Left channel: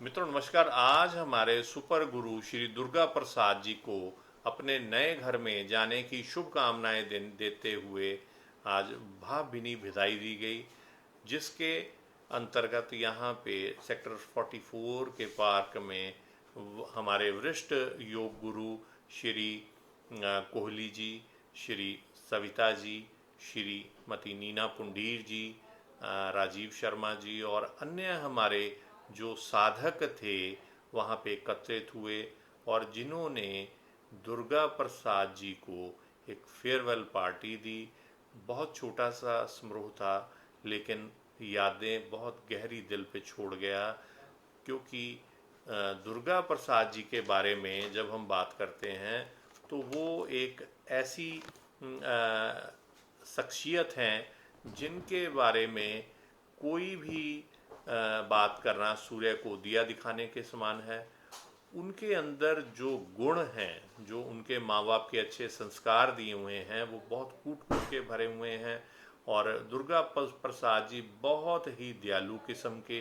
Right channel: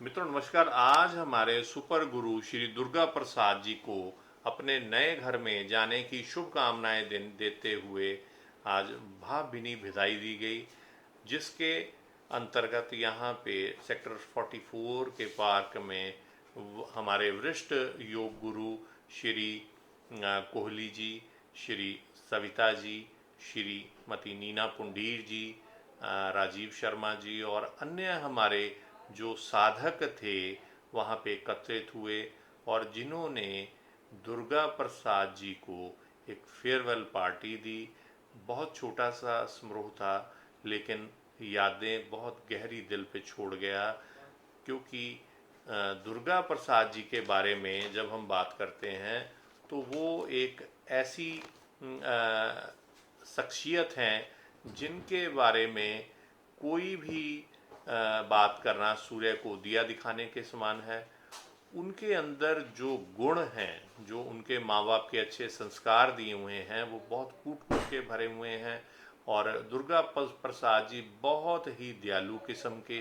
मित्रों नमस्कार। आज हमारे सुपर गुरु श्री दुर्गा प्रसाद जी को अपने नए घर में जाने की शुभकामनाएं देते हुए आज भावभीनी विदाई दी गई, जिसके अंतर्गत यहाँ पे सेक्टर 44 के पार्क में हमारे वरिष्ठ योग गुरु श्री कोहली जी, श्री सविता जी, श्रीमती नीना पुंडीर जी, राजीव शर्मा जी और अन्य हमारे जो साधक थे वहाँ पे एकत्रित हुए और जिन्होंने दुर्गा प्रसाद जी को एक फेयरवेल पार्टी दी। बहुत छोटा सा समारोह था, लेकिन यादें बहुत गहरी दिल पे छोड़ गया, क्योंकि दुर्गा प्रसाद जी के बारे में जब हम बात करते हैं तो वो एक ऐसी शख्सियत हैं जिनके बारे में कोई भी बात करना सूर्य को दिया दिखाने के समान है। उनके अंदर जो गुण हैं, जो उनके माँ बाप के अच्छे संस्कार दिए हुए हैं, वो बहुत कूट कूट के भरे हुए हैं। और दुर्गा प्रसाद जी बहुत ही दयालु किस्म के,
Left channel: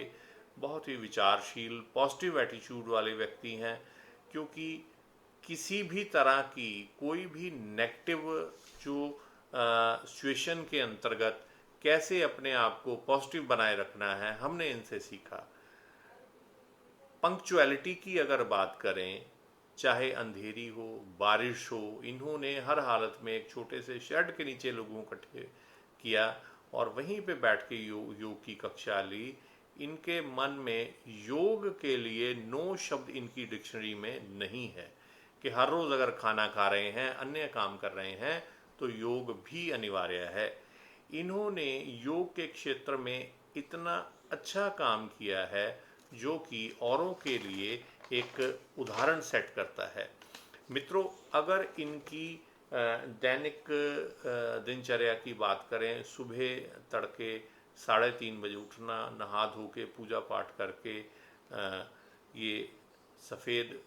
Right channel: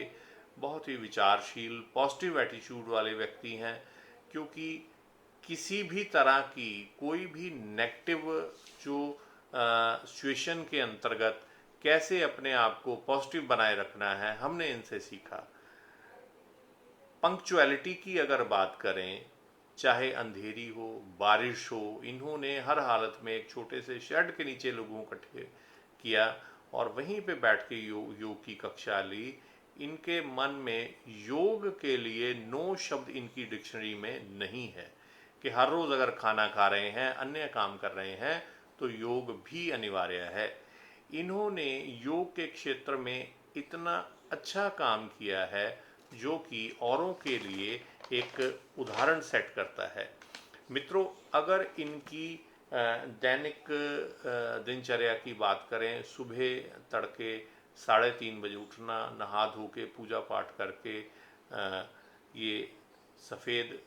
बहुत ही विचारशील, पॉजिटिव एटीट्यूड वाले व्यक्ति हैं। क्योंकि किसी भी तरह की कोई भी नेगेटिव जो सिचुएशन के अंतर्गत कैसे अपने आप को पॉजिटिव बनाए रखना है, हमने इनसे सीखा। पंक्चुअलिटी की अगर बात करें, चाहे अंधेरी हो, बारिश हो, इन्होंने हर हालत में एक छोटे से शेड के नीचे लोगों को इकट्ठे किया और वहीं पे बैठ के योग की कक्षा ली। इनके मन में योग के लिए नो शब्द इनकी डिक्शनरी में नहीं है कि हर रोज़ अगर खाना खा रहे हैं, अन्य काम कर रहे हैं, तो योग भी अनिवार्य है। इन्होंने योग के क्षेत्र में इतना अच्छा काम किया है जो कि औरों के लिए एक उदाहरण सेट करता है। मित्रों, अगर इनकी दैनिक दिनचर्या की बात करें, सुबह तड़के 3:30 बजे उठना, नहा धो के पूजा पाठ करके ये सफ़ेद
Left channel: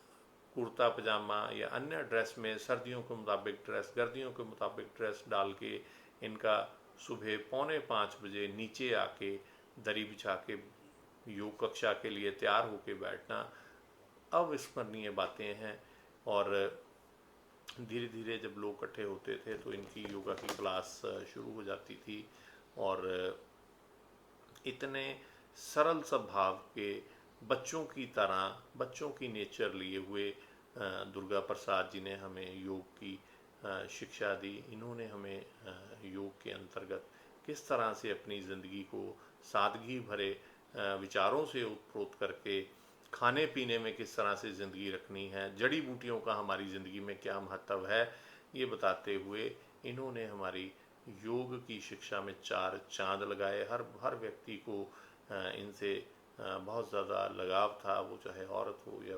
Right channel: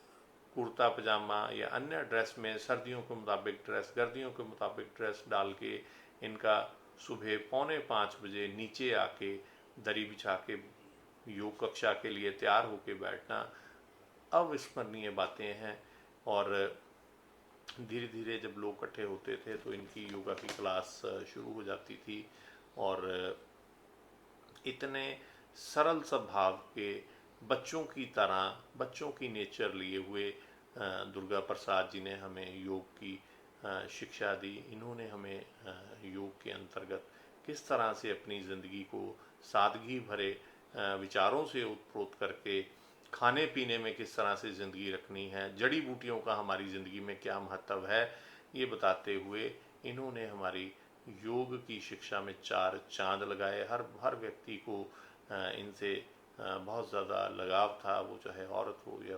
कुर्ता पजामा या अन्य ड्रेस में, सर्दियों के मुताबिक ड्रेस, गर्दियों के मुताबिक ड्रेस डाल के इनका सुबह 4:45 बजे नीचे आके दरी बिछा के योग कक्षा के लिए तैयार होके बैठना अविस्मरणीय बातें हैं। और धीरे धीरे जब लोग इकट्ठे होते थे तो इनकी योगा की क्लास शुरू हो जाती थी। और इतने सरल स्वभाव के, बच्चों की तरह, बच्चों की नेचर लिए हुए दुर्गा प्रसाद जी ने हमें योग की शिक्षा दी। इन्होंने हमें योग के अंतर्गत किस तरह से अपनी ज़िंदगी को सादगी भरे विचारों से उत्प्रोत करके खाने पीने में किस तरह से ज़िंदगी रखनी है, जड़ी बूटियों का हमारी ज़िंदगी में क्या महत्व है, ये बताते हुए इन्होंने हमारी योग की शिक्षा में 4 चांद लगाए। हर व्यक्ति को इनसे बहुत ज़्यादा लगाव था, वो चाहे औरत हो या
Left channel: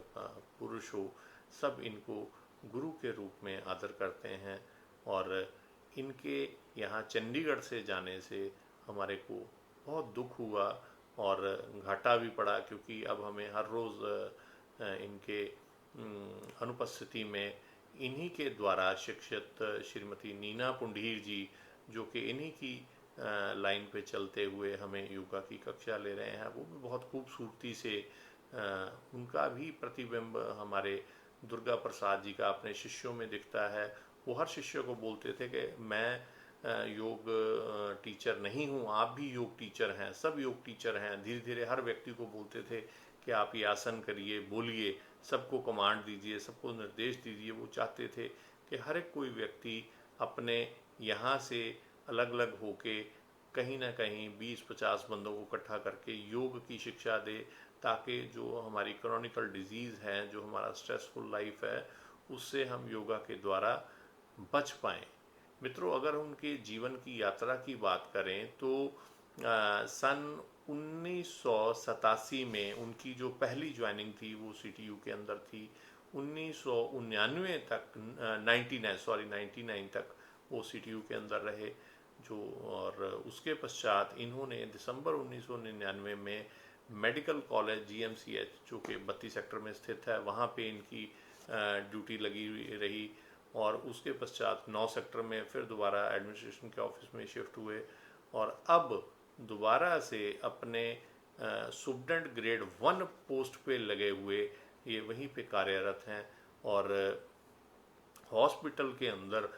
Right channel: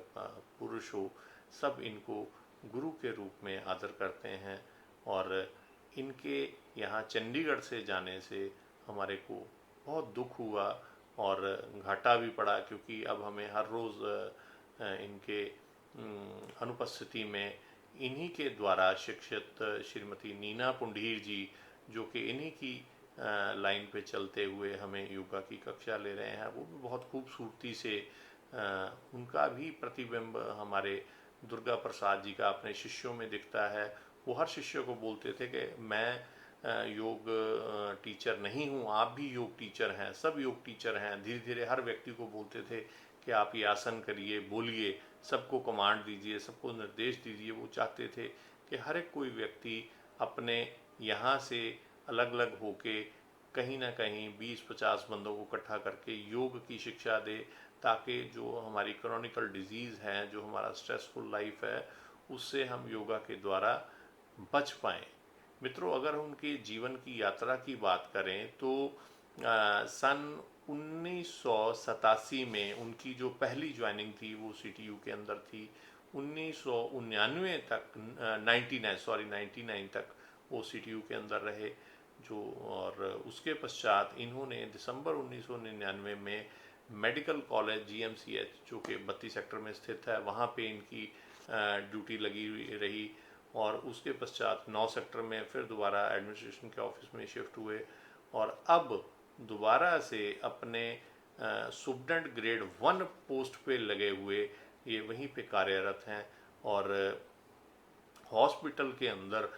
पुरुष हो, सब इनको गुरु के रूप में आदर करते हैं। और इनके यहाँ चंडीगढ़ से जाने से हमारे को बहुत दुख हुआ और घाटा भी पड़ा, क्योंकि अब हमें हर रोज़ इनके अनुपस्थिति में इन्हीं के द्वारा शिक्षित श्रीमती नीना पुंडीर जी, जो कि इन्हीं की लाइन पे चलते हुए हमें योगा की कक्षा ले रहे हैं, वो भी बहुत खूबसूरती से उनका भी प्रतिबिंब हमारे दुर्गा प्रसाद जी का अपने शिष्यों में दिखता है। वो हर शिष्य को बोलते थे कि मैं योग टीचर नहीं हूँ, आप भी योग टीचर हैं, सब योग टीचर हैं। धीरे धीरे हर व्यक्ति को बोलते थे कि आप ये आसन करिए, बोलिए, सबको कमांड दीजिए, सबको निर्देश दीजिए। वो चाहते थे कि हर एक कोई व्यक्ति अपने यहाँ से अलग अलग होके कहीं ना कहीं 20-50 बंदों को इकट्ठा करके योग की शिक्षा दे, ताकि जो हमारी क्रॉनिकल डिजीज़ हैं, जो हमारा स्ट्रेसफुल लाइफ है, उससे हम योगा के द्वारा बच पाएँ। मित्रों, अगर उनके जीवन की यात्रा की बात करें तो सन 1987 में उनकी जो पहली ज्वाइनिंग थी वो सीटीयू के अंदर थी। 1999 तक 99 तक वो सीटीयू के अंदर रहे जो। और उसके पश्चात इन्होंने दिसंबर 1999 में मेडिकल कॉलेज जीएमसीएच, जो कि 32 सेक्टर में स्थित है, वहाँ पे इनकी ड्यूटी लगी रही। और उसके पश्चात 9 सेक्टर में फिर दोबारा एडमिनिस्ट्रेशन के ऑफिस में शिफ्ट हुए और अब दोबारा से अपने सुप्रेंट ग्रेड 1 पोस्ट पे लगे हुए ये वहीं पे कार्यरत हैं। और हॉस्पिटल के अंदर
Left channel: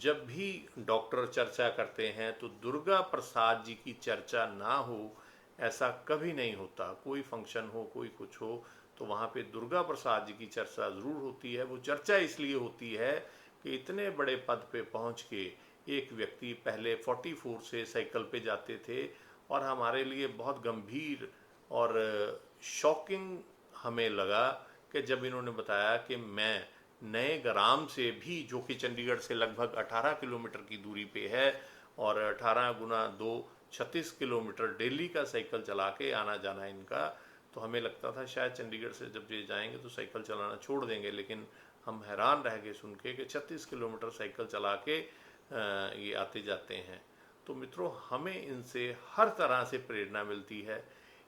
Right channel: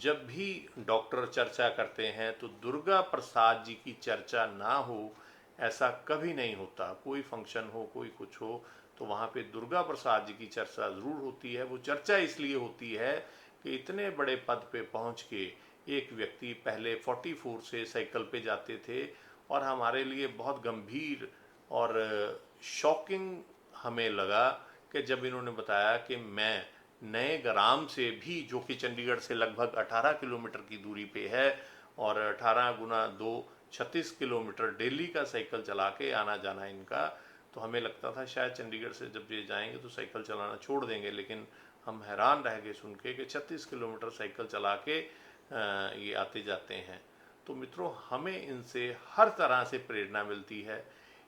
जब भी डॉक्टर चर्चा करते हैं तो दुर्गा प्रसाद जी की चर्चा ना हो ऐसा कभी नहीं होता। कोई फंक्शन हो, कोई कुछ हो, तो वहाँ पे दुर्गा प्रसाद जी की चर्चा ज़रूर होती है। वो चर्चा इसलिए होती है कि इतने बड़े पद पे पहुँच के एक व्यक्ति पहले 44 से साइकिल पे जाते थे, और हमारे लिए बहुत गंभीर और शॉकिंग हमें लगा कि जब इन्होंने बताया कि मैं नए ग्राम से भी, जो कि चंडीगढ़ से लगभग 18 किलोमीटर की दूरी पे है, और 18 गुना 2 36 किलोमीटर डेली का साइकिल चला के आना जाना इनका, तो हमें लगता था शायद चंडीगढ़ से जब ये जाएंगे तो साइकिल चलाना छोड़ देंगे, लेकिन हम हैरान रह गए सुन के कि 36 किलोमीटर साइकिल चला के ये आते जाते हैं। तो मित्रों, हमें इनसे हर तरह से प्रेरणा मिलती है।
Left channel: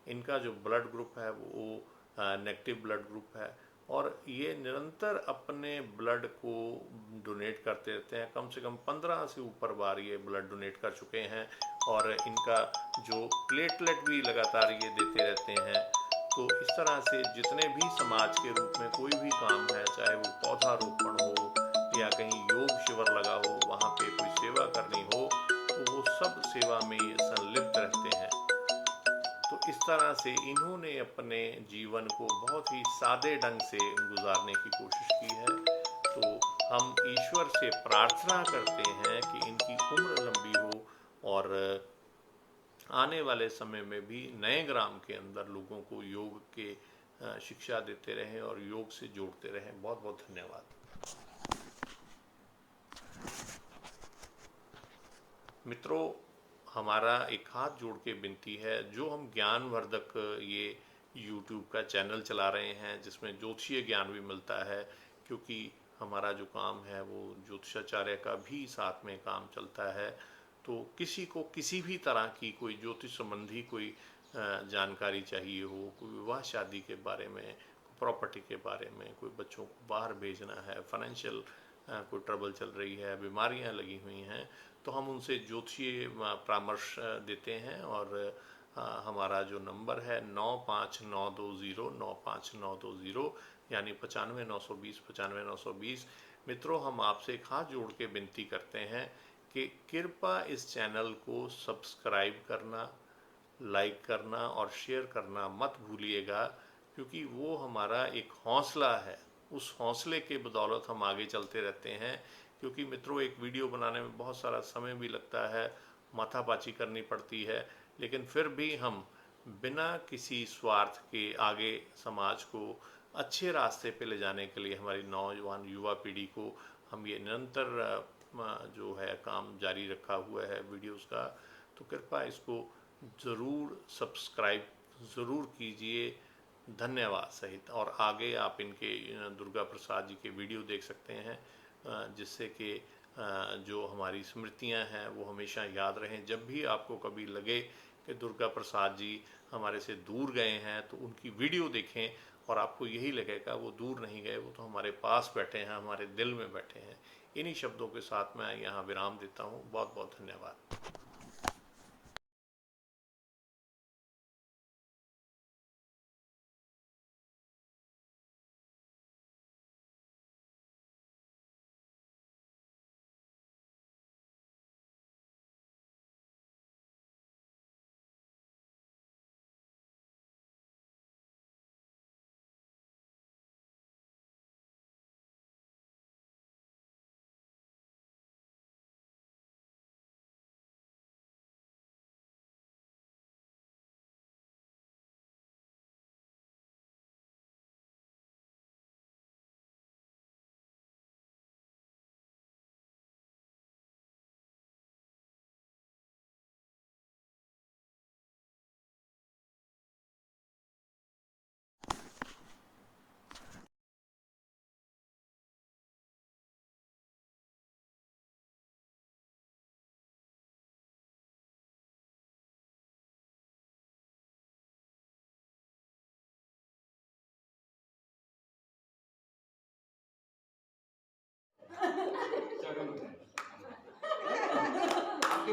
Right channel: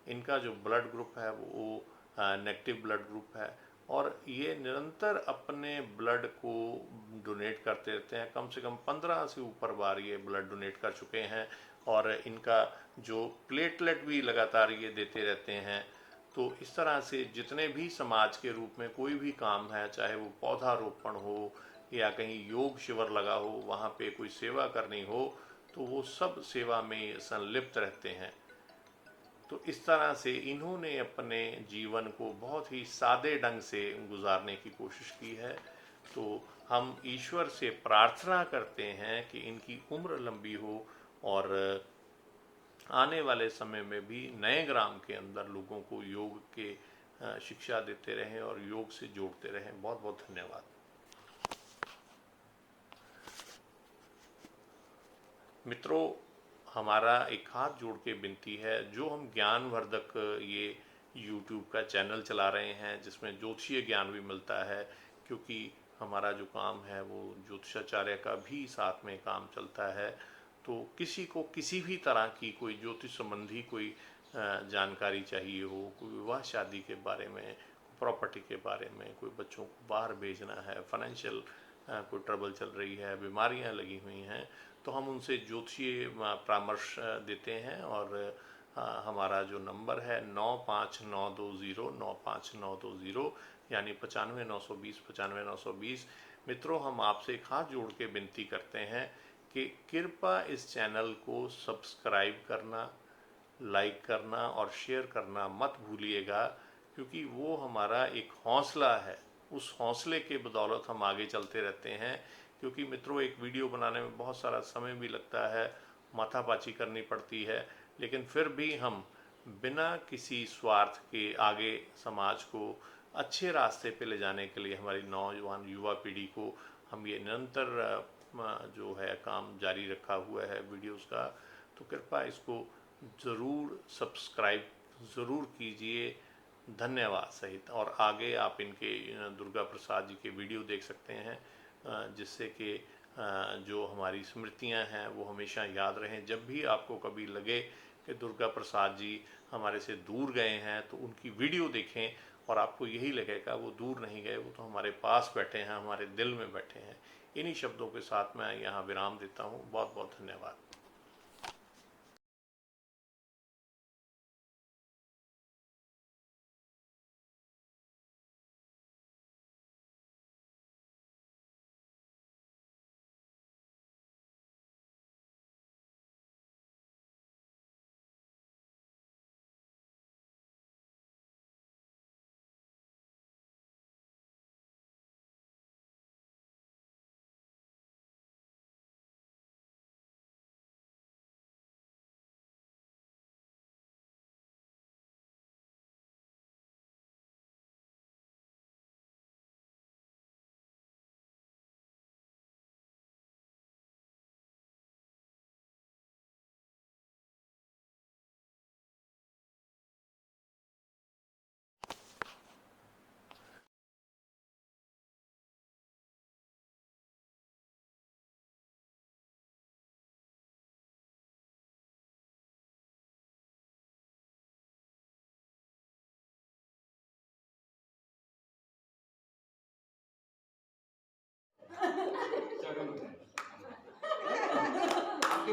इनका जो ब्लड ग्रुप है वो नेगेटिव ब्लड ग्रुप है, और ये निरंतर अपने ब्लड को डोनेट करते रहते हैं। कम से कम 15 से ऊपर बार ये ब्लड डोनेट कर चुके हैं, और इनका जो प्लेटलेट भी लगातार ये देते रहते हैं। तो इस तरह से जितने भी समाज के रूप में कोई भी काम है, चाहे वो पौधारोपण हो या कहीं योग शिविर लगा हो, वहाँ पे कोई सेवा करनी हो, तो वो सब सेवा में ये संलिप्त रहते हैं। तो इस तरह से इन्होंने अपने जीवन को बहुत ही सादे ढंग से गुजारने की कोशिश की है। तो हम ईश्वर से प्रार्थना करते हैं कि इनकी उम्र लंबी हो, और आने वाले समय में भी नए ग्राम के अंदर लोगों को योग के शिक्षा देते रहें और योग से जोड़ते रहें। बहुत बहुत धन्यवाद मित्रों। हमारा एक हाथ जोड़ के विनती है, जो हम ज्ञानवर्धक ये YouTube का चैनल चला रहे हैं जिसमें ज्योतिषीय ज्ञान भी मिलता है, क्योंकि हमारा जो काम है वो ज्योतिषाचार्य का भी साथ में काम चलता है। तो किसी को किसी भी तरह की कोई ज्योतिष संबंधी कोई जानकारी चाहिए हो, कोई विवाह शादी के बारे में, प्रॉपर्टी के बारे में, कोई बच्चों को बाहर भेजना है, फाइनेंशियल कोई ट्रबल चल रही है, बीमारियां लगी हुई हैं, तो हम उनसे ज्योतिषीय परामर्श देते हैं। और हमारा जो नंबर है 9592095920, यानी 95 920 95 920। मित्रों, हम आपसे एक हाथ जोड़ के विनती करते हैं कि कृपया इस चैनल को सब्सक्राइब करना, लाइक करना और शेयर करना मत भूलिएगा, क्योंकि वो हमारा एक हौसला है। उस हौसले के बदौलत हम आगे चलते रहते हैं। क्योंकि मित्रों, एक वीडियो बनाने में बहुत सारा समय भी लगता है, माथापाची करनी पड़ती है, लेकिन फिर भी हम बिना किसी स्वार्थ के आगे समाज को अच्छे रास्ते पे ले जाने के लिए, हमारी नौजवान युवा पीढ़ी को हम ये निरंतर जो है काम जारी रखा हुआ है वीडियोस का। तो कृपया इसको ज़रूर सब्सक्राइब ज़रूर कीजिए, धन्यवाद सहित। और आगे आप इनके दुर्गा प्रसाद जी के वीडियो देख सकते हैं, जिससे कि जो हमारी स्मृतियां हैं वो हमेशा याद रहें। जब भी आपको कभी लगे कि दुर्गा प्रसाद जी हमारे से दूर गए हैं, तो उनकी वीडियो देखें और आपको यही लगेगा वो दूर नहीं गए, वो तो हमारे पास बैठे हैं, हमारे दिल में बैठे हैं। इन्हीं शब्दों के साथ मैं यहाँ विराम देता हूँ। बहुत बहुत धन्यवाद। आपके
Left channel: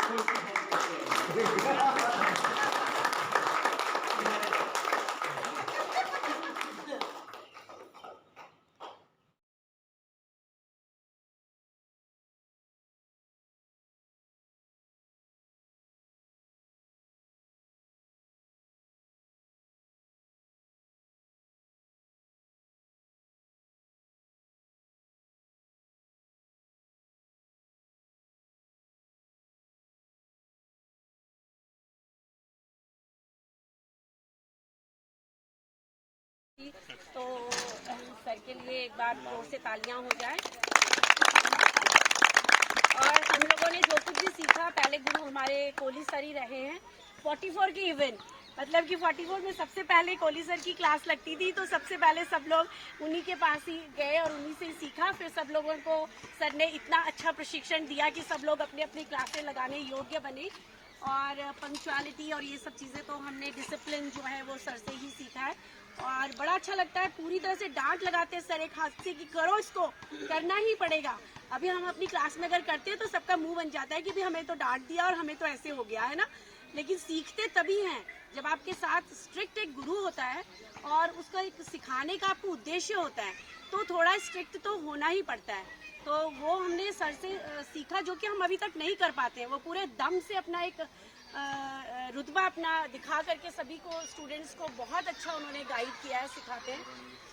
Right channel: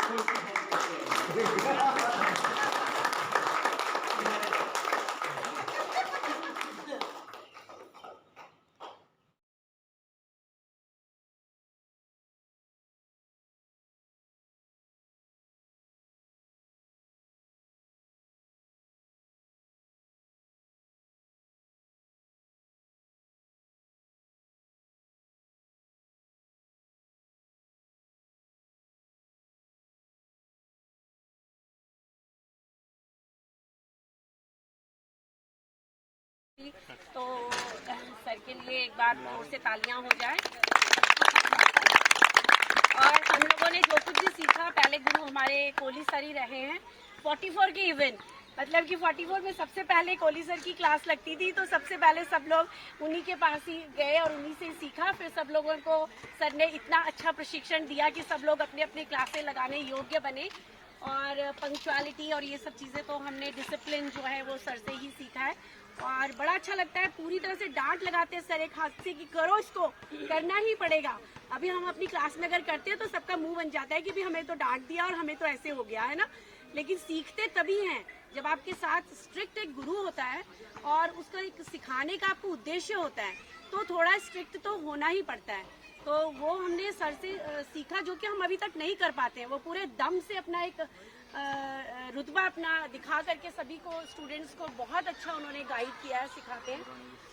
तो सर के लिए एक बार जोर से तालियां हो जाए। और हम लोगों ने जो कुछ भी सीखा, पहले गुरु हमारे कोहली सर ही रहे हैं। 44 के इवेंट, मतलब कि 44 में सबसे पहले कोहली सर की क्लास लगती थी, तो सबसे पहले सब लोग उन्हीं के पास ही गए और उन्हीं से सीखा। फिर सब लोगों को सर ने इतना अच्छा प्रशिक्षण दिया कि सब लोग अपने अपनी क्लासें लगाने योग्य बने। और पंक्चुअलिटी और ये सब चीज़ें तो हमने, डिसिप्लिन जो है वो सर से ही सीखा है। और बड़ा अच्छा लगता है, पूरी तरह से डांट लगाते हैं सर एक हाथ से कि करो, इसको करना ही पड़ेगा। अभी हम अपनी क्लास में अगर करते हैं तो सबका मुंह बन जाता है कि भी हमें तो डांट दिया और हमें तो ऐसे हो गया है ना। लेकिन सीखते तभी हैं जब आपके साथ स्ट्रिक्ट एक गुरु होता है और उसको एक सिखाने का आपको उद्देश्य होता है, तो थोड़ा स्ट्रिक्ट तो होना ही पड़ता है। तो वो हमने सर से सीखा, जो कि हम अभी तक नहीं कर पाते हैं। वो पूरे दम से अपना एक रुतबा अपना दिखा करके सभी को, स्टूडेंट्स को बहुत अच्छा उन्होंने गाइड किया है, सिखाते हैं।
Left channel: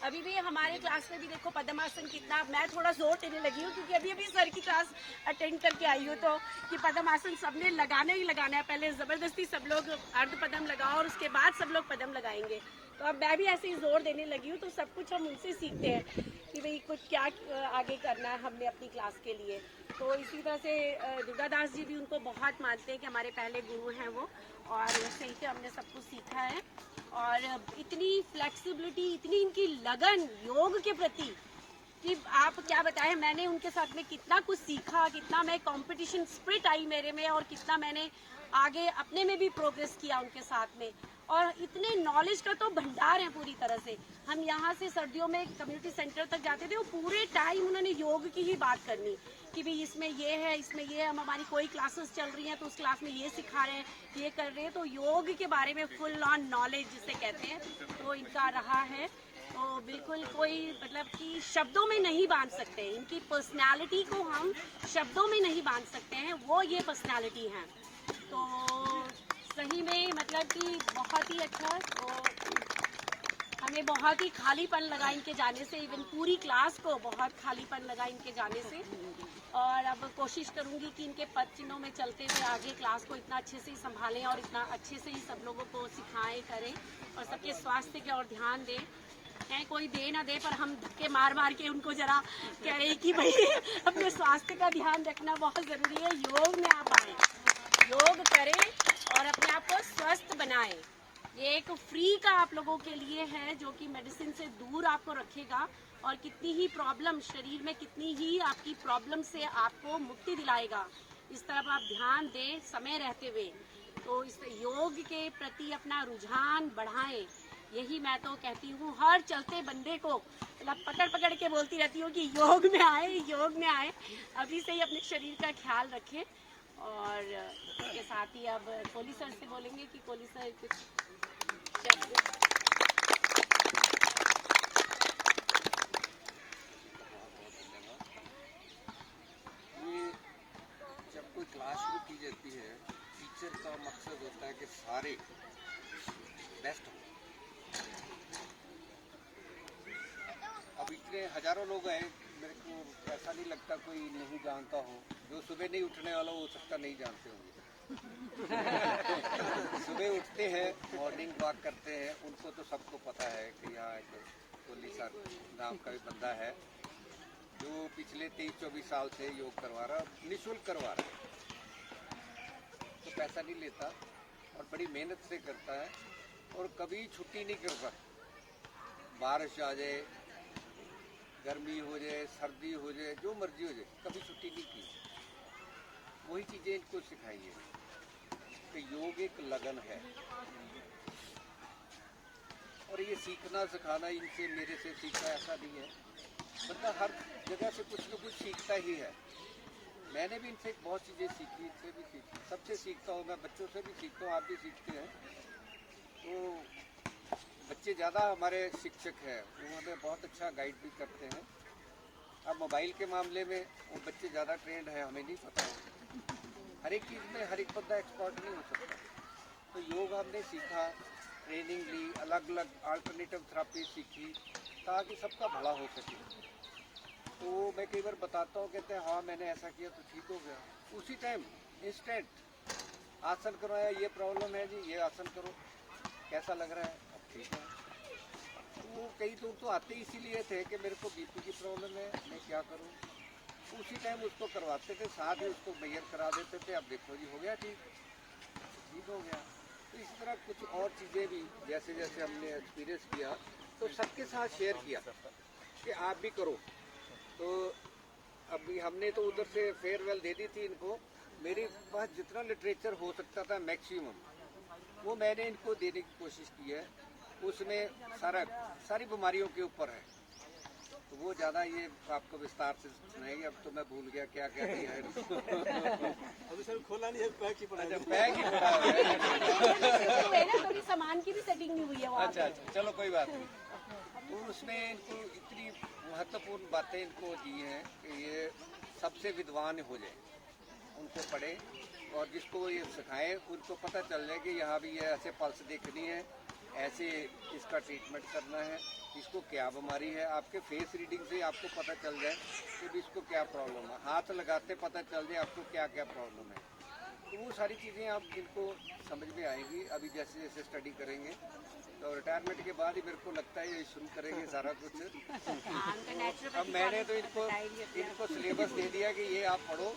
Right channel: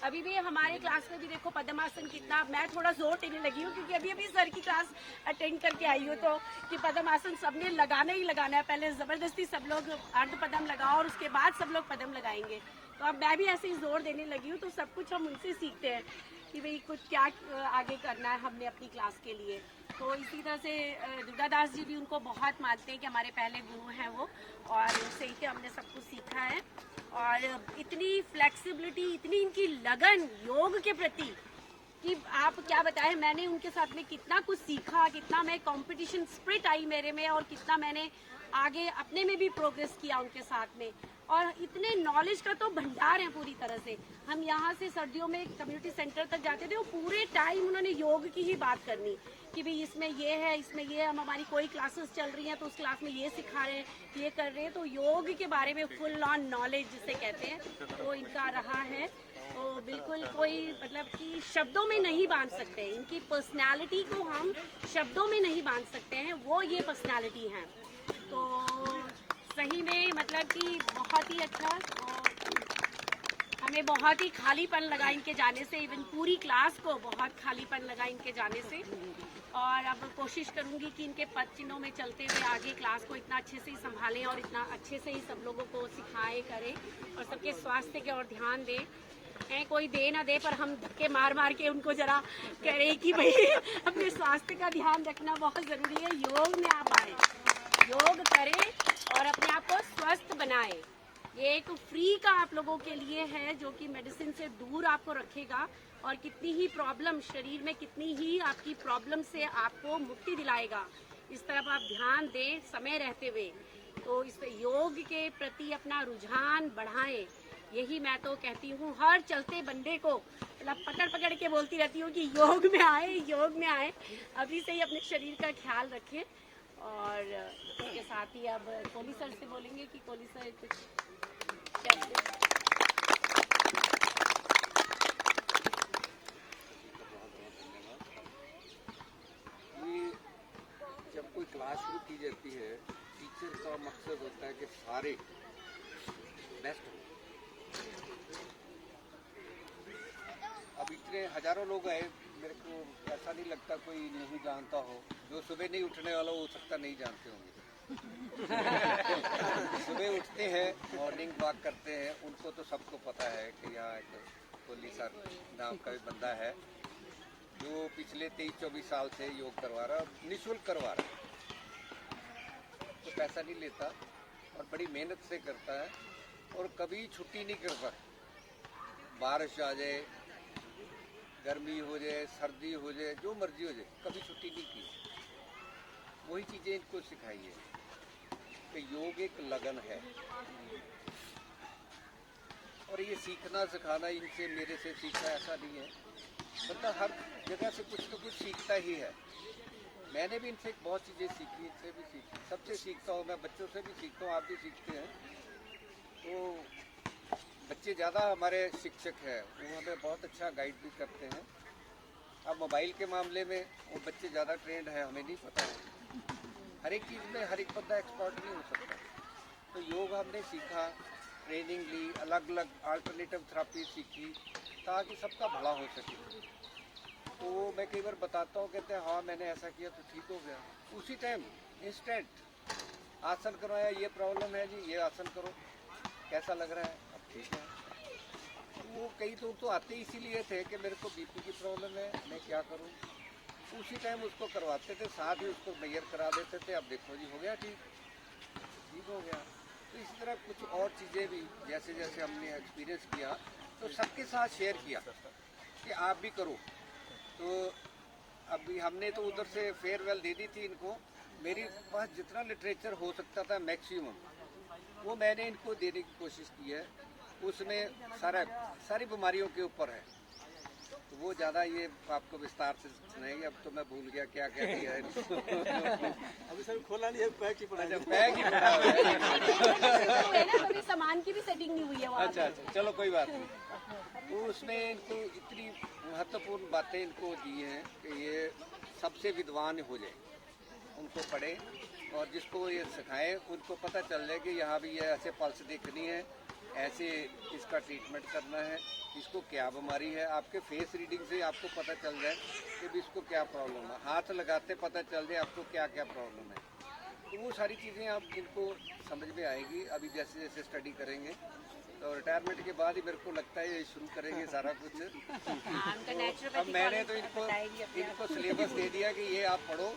अभी भी हमारे क्लास में भी देखो पद्मासन कितना, मैं थोड़ा जोर देने लगी हूँ क्योंकि अभी अभी सर की क्लास अटेंड करके आई हूँ, तो कि पद्मासन सबने लगाना ही लगाना है। पहले जबरदस्ती सब लोग अर्ध पदम लगाओ और उसके बाद सब लोग पदम लगाएंगे। तो अब मैं भी ऐसे ही जोर देने लगी हूँ। तो सब कुछ हम उनसे सीखते हैं कि भाई कुछ क्या आगे करना है हमने अपनी क्लास के लिए। तो इसी तरह से दुर्गादास जी भी उनको बहुत मानते हैं कि हमारे पहले गुरु हैं वो, और उससे ही हमने सब कुछ सीखा है। और इतनी फ्लेक्सिबिलिटी, इतनी इनकी लगन योग के प्रति कि आप क्या बताएं। मैंने उनके साथ में कितना कुछ सीखा, कितना मैं कंपटीशन स्पिरिट आई मेरे में, और कितना मैंने आगे अपने में भी प्रोग्रेस किया उनके साथ में। और इतने नॉलेज का तो भंडार है पूरी तरह से। हम यहाँ से सर्दियों में कम्युनिटी सेंटर तक जाते थे, वो पूरे टाइम उन्होंने योग की ही बात करनी कि भाई इसमें ये है, इसमें ये, हम हमारी कोई क्लासेस चल रही हैं तो उस क्लास में ये सिखा रहे हैं, ये कर रहे हैं। तो योग के बारे में फुल ऑन नॉलेज जिसे कहते हैं, तो इनका रहा है। तो बिल्कुल कोई, मतलब कि शब्दों में नहीं बांध सकते, इनकी पर्सनालिटी को हम शब्दों में नहीं बांध सकते हैं, वो ये पर्सनालिटी है। तो सही में मतलब कि बहुत ही अच्छा। तो हमें बहुत ही खालीपन लगा इनके जाने से, इवन पूरी क्लास को बहुत खालीपन लगा इनके जाने से। और अब कोशिश करूंगी कि इनके पद चिन्हों में चलते हुए आगे क्लास को इतना अच्छे से ही संभालें और इतना अच्छे से ही सब लोगों को सिखाएं, करें, और सबके स्वास्थ्य की ओर ध्यान दें। है कोई दे ना दे, पर हम धक्के मार मार के उनको जरा कह रहे हैं कि भाई अपने स्वास्थ्य का ध्यान रखना बहुत जरूरी है। योग में आप आए, योग करें और अपने आप को स्वस्थ बनाएं। ये एक फ्री का आप लोगों के लिए है, जो कि मेडिसिन से दूर आपको रखेगा और कितनी ही प्रॉब्लम शरीर में, कितनी ही आपकी प्रॉब्लम से आपको मुक्ति दिलाएगा। इस तरफ आप ध्यान दें समय रहते हुए। तो इस योग के प्रति अपना रुझान बढ़ाएं, यही मैं तो कहती हूँ हर चलते बंदे को। मतलब पकड़ पकड़ के बोलती रहती हूँ कि योग में आए, योग में आए। अभी से ही अपने शरीर का ख्याल रखें। और इसके साथ ही अब कोहली सर से बोलेंगे कि कोहली सर कुछ शब्द। जब कोई क्लास शुरू की जाती है, टीचर का मकसद होता है कि सारे बेस्ट हो। अब इतने हजारों लोग आए, मेरे को ऐसा नहीं लगता कोई नहीं जानता हो। जो सुबह नहीं उठने वाला हो सकता नहीं जानते होंगे। सुबह उठते हैं, मॉर्निंग वॉक करते हैं, उनको तो सबको पता है कि यहाँ एक कोहली सर नाम का भी बंदा है जो पिछले 23-24 साल से योग करवा रहा, निःशुल्क करवा रहा है। तो पैसा नहीं लेता और बड़ी मेहनत से करता है और कभी छुट्टी नहीं करता। बारिश आ जाए, गर्मी हो जाए, सर्दी हो जाए, जो मर्जी हो जाए, कभी छुट्टी नहीं की। वही चीजें इनको सिखाई है कि योग एक लगन है। और ये सीखना सिखाना इनसे, मेरे से सीखना ऐसा नहीं है। बंदा हर जगह से कुछ न कुछ सीखता ही है। मैंने भी इनसे बहुत चीज़ें सीखी, इनसे भी सीखी, सबसे सीखता हूँ। मैं बच्चों से भी सीखता हूँ, आप भी सीखते हैं। तो बच्चे ज़्यादा हमारे शिक्षक हैं, वो हमें बहुत अच्छा गाइड भी करते हैं। अब मोबाइल के मामले में वो बच्चे ज़्यादा ट्रेंड है, हमें नहीं पता है। हर एक चीज़ में हर एक बंदा एक्सपर्ट नहीं हो सकता। तो योग हमने सीखा, ट्रेनिंग ली, अलग अलग अल्टरनेटिव थेरेपी सीखी ताकि सबका भला हो सके। तो मैं कई बार बताता हूँ, कहते हैं हाँ मैंने ऐसा किया तो ठीक हो गया। उसी टाइम इंस्टेंट आसन करवाया, ये प्रॉब्लम है जी, ये आसन करो, कैसा लग रहा है, अब ठीक है। वो कई लोग तो आते इसीलिए थे कि मेरे को बीपी की प्रॉब्लम है, मैं क्या करूं। उसी टाइम उसको करवाते थे, साथ ही उसको मेजर करा देते थे। अब देखो जी हो गया ठीक हो गया। तो इसी तरह कुछ और चीज़ें भी जैसे जैसे हमने एक्सपीरियंस किया तो सबके साथ शेयर किया कि आप भी करो। तो अभी हमने तो उधर से फेयरवेल दे दी थी इनको। मेरे पास जितना लिटरेचर हो सकता था मैक्सिमम वो मैंने इनको देने की कोशिश की है। उसमें सारी बीमारियों के ऊपर है, तो वो ज़्यादा ये आपको विस्तार से सुनाएंगे। अब तो मैं भूल गया क्या क्या दिया है इनको। अभी सर खोला नहीं है, पैक ही पड़ा है। अच्छा, बैग ही पड़ा हुआ है। थोड़ी सामान की भी सेटिंग नहीं हुई है वहाँ अच्छा, चलो कोई बात नहीं। तो उसमें इनको इतनी महत्वपूर्ण बातें इनको दी हैं कि ये सबसे विद्वान हो जाए, उनको पढ़े और जिसको ये सिखाएं उनको पता चल जाए कि यहाँ भी ये ऐसे पल्स देखनी है, ऐसे इसका ट्रीटमेंट करना है, इसको क्या बीमारी है। आपके फेस रीडिंग से आपको पता चल जाए कि भी इसको क्या प्रॉब्लम है, हाथ लगाते पता चल जाए आपको क्या क्या प्रॉब्लम है। तो वो सारी चीज़ें आप इनको समझ में आएगी अभी जैसे जैसे स्टडी करेंगे। तो रिटायरमेंट के बाद ही मेरे को लगता है ये शुरू करेंगे सारा कुछ। तो अब मैंने तो इनको सिलेबस दे दिया कि ये आप पढ़ो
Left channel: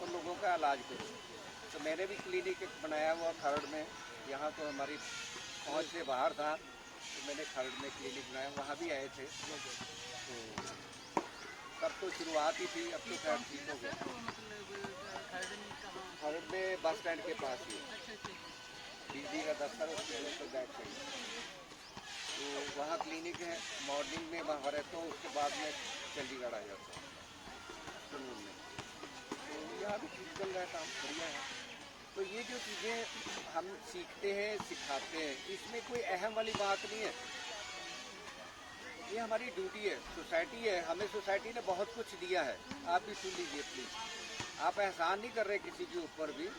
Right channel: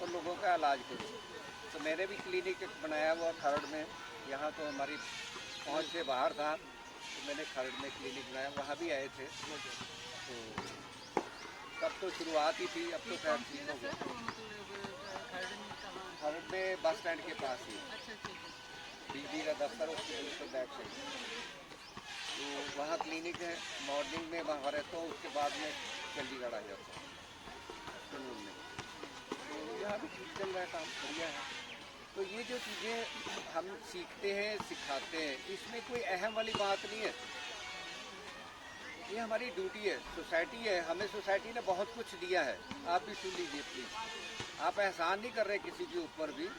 और लोगों का इलाज करो। तो मैंने भी क्लिनिक बनाया हुआ खरड़ में, यहाँ तो हमारी पहुँच से बाहर था, तो मैंने खरड़ में क्लिनिक बनाया, वहाँ भी आए थे। तो तब तो शुरुआत ही थी, अब तो खैर ठीक हो गया। खरड़ में बस स्टैंड के पास ही बिजली का दफ्तर, उसके बिल्कुल बैक साइड। तो वहाँ क्लिनिक है, मॉर्निंग में वहाँ रहता हूँ, उसके बाद में चंडीगढ़ आ जाता हूँ आफ्टरनून में। तो यहाँ भी ठीक चल रहा है काम, बढ़िया है। तो ये जो चीज़ें हम सीखते हैं सिखाते हैं, इसमें कोई अहम वाली बात नहीं है। ये हमारी ड्यूटी है, सोसाइटी है, हमें सोसाइटी ने बहुत कुछ दिया है। आप भी सुन लीजिए प्लीज़, आप एहसान नहीं कर रहे किसी के ऊपर भी।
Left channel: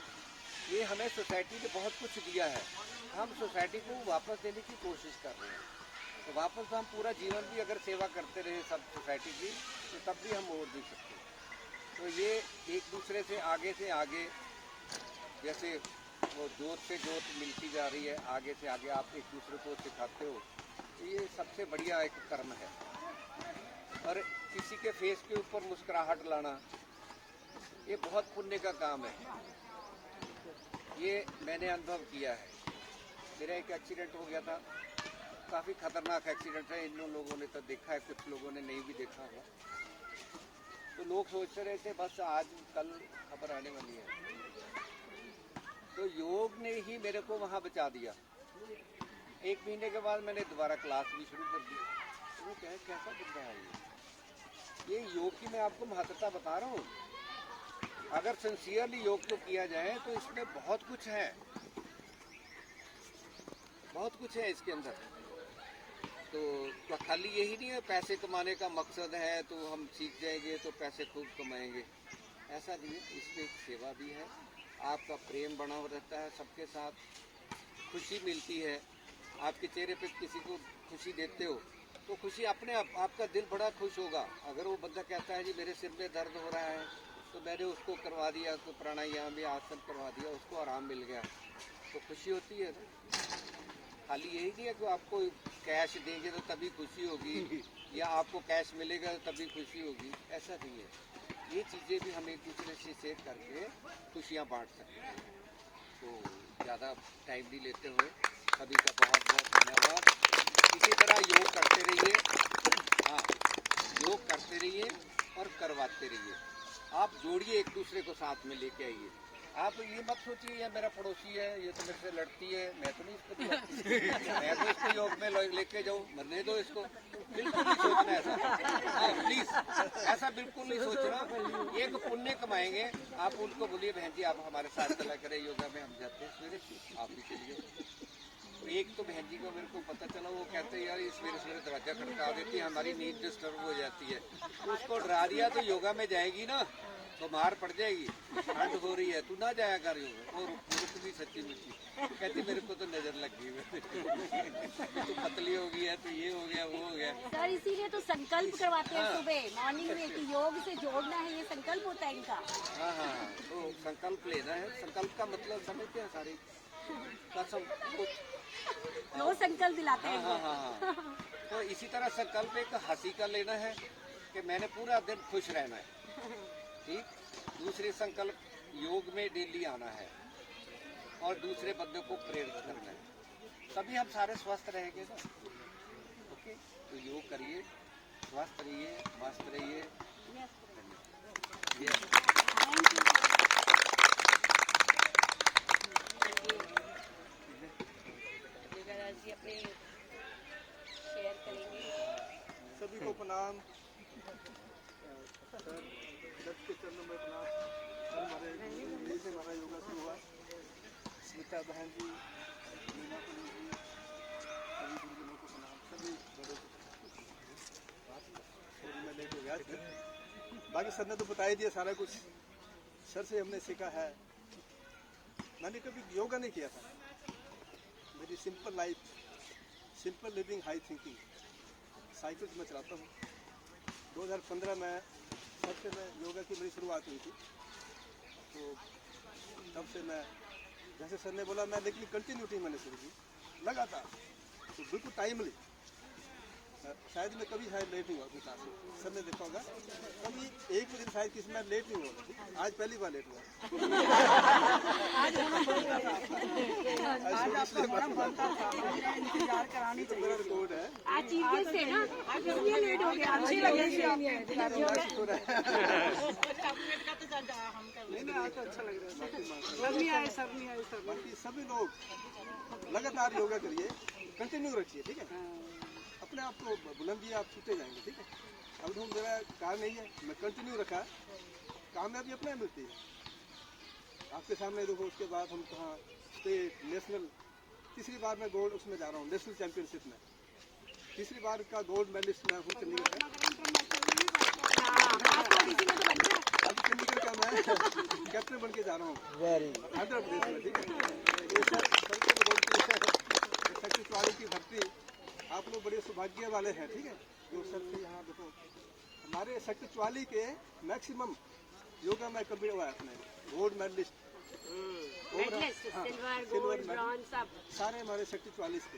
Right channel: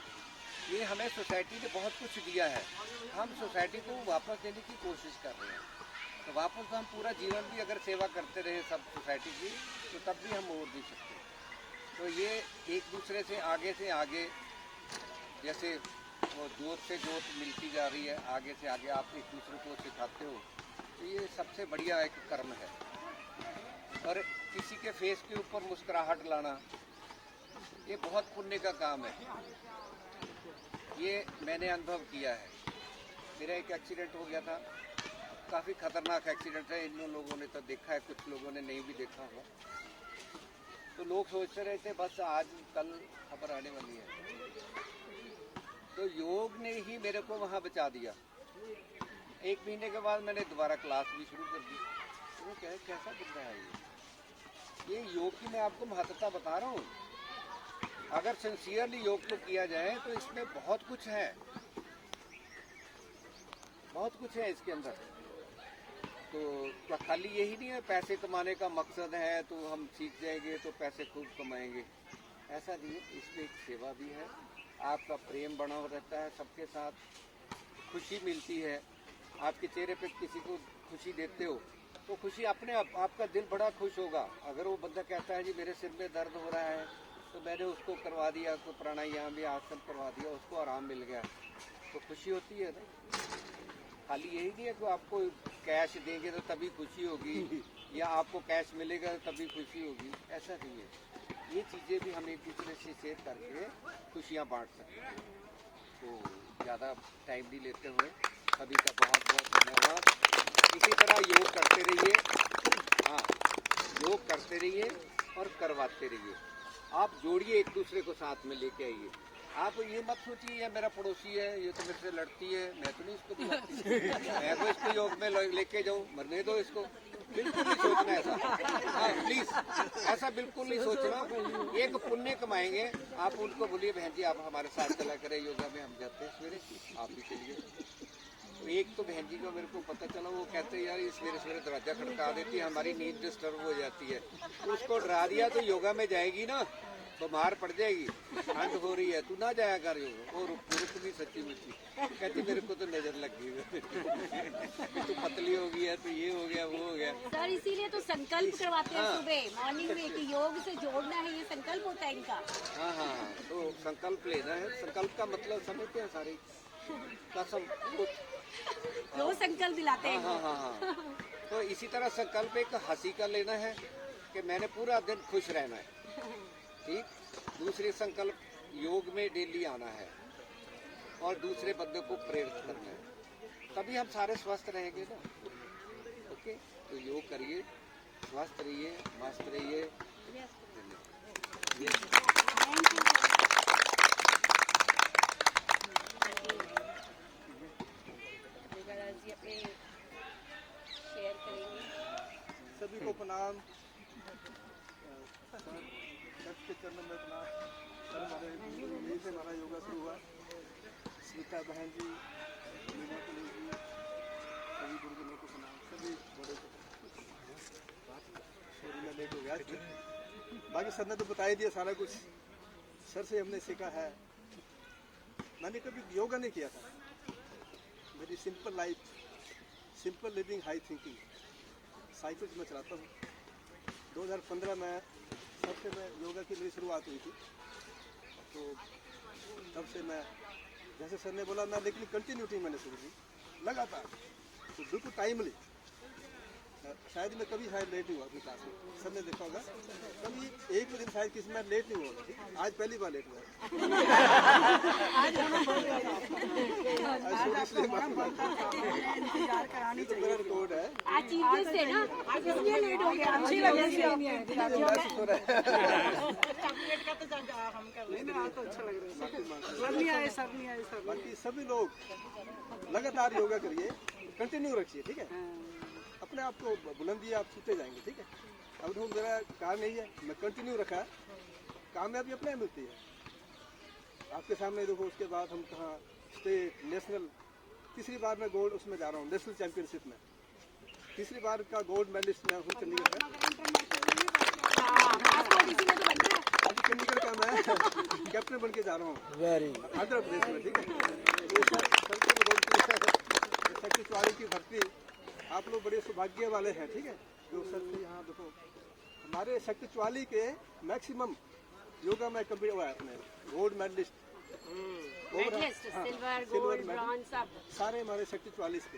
ये हमें सोसाइटी ने बहुत कुछ दिया है, हम सोसाइटी को वापस देने की कोशिश कर रहे हैं। तो वापस हम पूरा जीवन भी अगर सेवा करते रहे सब सोसाइटी की, तो तब भी हम और दे सकते हैं। तो ये एक दूसरे से आगे जैसे वो जोत से जोत मिलती जा रही है, आगे से आगे आप एक दूसरे को सिखाते हो, तो ये सबसे बढ़िया एक कर्म है। और किसी के फेस के ऊपर मुस्कुराहट लाना, ये बहुत पुण्य का काम है। ये मैंने अनुभव किया है। मेरा एक एक्सीडेंट हो गया था, काफ़ी खतरनाक एक्सीडेंट है। इन लोगों ने तो देखा है, कुछ लोगों ने नहीं भी देखा होगा। तो लोग सोचते रहे थे बस आज कल खबर आने वाली है। तो योग ने ही मेरे को वहाँ बचा दिया। 1 महीने के बाद मैंने दोबारा क्लास भी शुरू कर दी। तो कैसा दिख रहा है ये योग की मैं आपको महत्वता बता रहा हूँ। अगर सिंसियरली योग को किया जाए तो इसमें बहुत कुछ है, बहुत कुछ है इसके अंदर। तो खाली यही नहीं है पैसे कमाने का मकसद है तो हम सीख जाएंगे तो पैसे खूब कमाएंगे, ऐसा नहीं है। इसमें एक सेवा भी है, आपका प्रेम बना रहता है, सबके साथ खुशी मिलती है। आपके चेहरे पे किसी को खुशी देते हो तो खुशी अपने आप आपका दिल बड़ा खुश होगा। अगर वो बंदा कहता है जी मेरे सिर में दर्द हो रहा है, तो मैंने उसको करवा दिया, कोई प्राणायाम या आसन करवा दिया, उसको आराम मिल गया, तो खुशी होती है ना। खाली यही नहीं है कि आपको कैश देंगे तो तभी खुशी होगी या आपको कैश मिलेगा तो तभी खुशी होगी, ऐसा नहीं है। ये चीज़ें भी हम एक दूसरे से शेयर करके खुशियाँ बांट सकते हैं। तो ज़्यादा टाइम नहीं लेते हुए सभी का बहुत बहुत धन्यवाद। इसी तरह योग करते रहिए, हाँ योग करते रहिए और करवाते रहिए। आप जोड़िए, एक दूसरे को साथ में लेके आइए। आप ये मत सोचिए ये मेरा पड़ोसी है, ये तो मेरे से लड़ती है, मैं तो नहीं इसको मैं तो इसको योग में लेके जाऊँ, मरने दो इसको। बिल्कुल नहीं सोचना ऐसा, हाँ प्लीज ऐसा बिल्कुल नहीं सोचना। एक पुण्य कमाएंगे। आप उनको बोलिए बहन जी आप हमारे साथ चला करें योगा में, हम जाते हैं सवेरे, आप भी चलिए। तो एक तो बहन जी को मेरे को पता चला, वो कहते हैं यार ये सवेरे सवेरे दरवाजा खड़का देती है, हमारी नींद डिस्टर्ब हो जाती है। तो उसको डरा दिया तो योगा में जाएगी ना, बीमार पड़ जाएगी, ठंड हो रही है, तू ना जाया कर योगा। वो रुक भी सच्ची मुच्ची कहती मेरे को तो नजर लग गई तू पतली हो गई है, तो ये हो गया वो हो गया। सर इसीलिए तो संकल्प करवाते हैं सुबह मॉर्निंग में कि योग से जोड़ना है, ये संकल्प होता है इनका। हाँ, तो संकल्प लेना है। संकल्प का मतलब समझते हैं सारे, कसम, रोज संकल्प दिलाते हैं। हाँ। तो इसी तरह संकल्प एक हंसी का लेना है कि मैंने पूरा दिन खुश रहना है। ठीक। दूसरे संकल्प योग में डेली आना है और दूसरे बंदे को प्रेरित करना है, तभी हम सारे स्वस्थ रहेंगे ना। ओके, तो योग करिए, स्वस्थ रहिए, मस्त रहिए। शेयर करेंगे। सभी को प्रणाम। दत्त के चरणों में प्रणाम। हमारे यहीं से हमारा योगा शुरू हुआ। स्मिता बहन जी, मीना पुलिस जी, सभी गुरुजनों को प्रणाम, सभी बड़ों को प्रणाम। मैं लेट हो गया आज। बाकी सर ने तो बता ही दिया सारा कुछ। सर से हमने सीखा है। मैंने कभी योगा नहीं किया था। मेरी simple life, simple living, high thinking. Cycle मैं चलाता हूँ। 2015 में सबसे मैं योगा की मेरी शुरुआत हुई थी। तो तब से मैं, जैसे सर ने बोला, मैं लेकिन कंटिन्यूटी मैंने शुरू की लगातार, तो बिल्कुल टाइमली। शायद मैं कभी शायद लेट नहीं हुआ अपनी क्लास में। सर ने देखा होगा कभी एक भी दिन शायद किसी में लेट नहीं हुआ। आज पहली बार लेट हुआ है। आज इंतजार करानी तो मेरा रिकॉर्ड है। आज चीफ से ना, आज इसलिए लेट हो गया। अच्छी लगी नहीं, आज तो अच्छा लग रहा है। बाकी सभी लोग लगातार योगा करिए, कंटिन्यू रखिए। ठीक है, अपने आप को बुलंदी आप छूते जाएंगे। ठीक है, अब तो मेरा कार नहीं है, मैं कंटिन्यू रखा, कामयाबी अपने मिलती है। आपके सामने देखो, उसके बाद हम कहाँ स्टेट, नेशनल, तीसरी बार मैं गोल्ड उसमें जा रहा हूँ, नेशनल चैंपियनशिप में। तीसरी बार का गोल्ड मेडलिस्ट मैं हूँ चंडीगढ़ का। अभी चंडीगढ़ का मैं कैप्टन बन के जा रहा हूँ आंध्र प्रदेश में। ठीक है, तो सर को बोलती है शक्ति चौहाड़ी की भर्ती, आप लोग बड़े सौभाग्य वाले हैं। ठीक है, जो सर से यहाँ देखो, हमारे शक्ति चौहाड़ी के मैक्सिमम योगा में कम्प्लीट हुआ है अपने गोल्ड मेडलिस्ट, सिल्वर मेडल सारे हमारे शक्ति 44 के।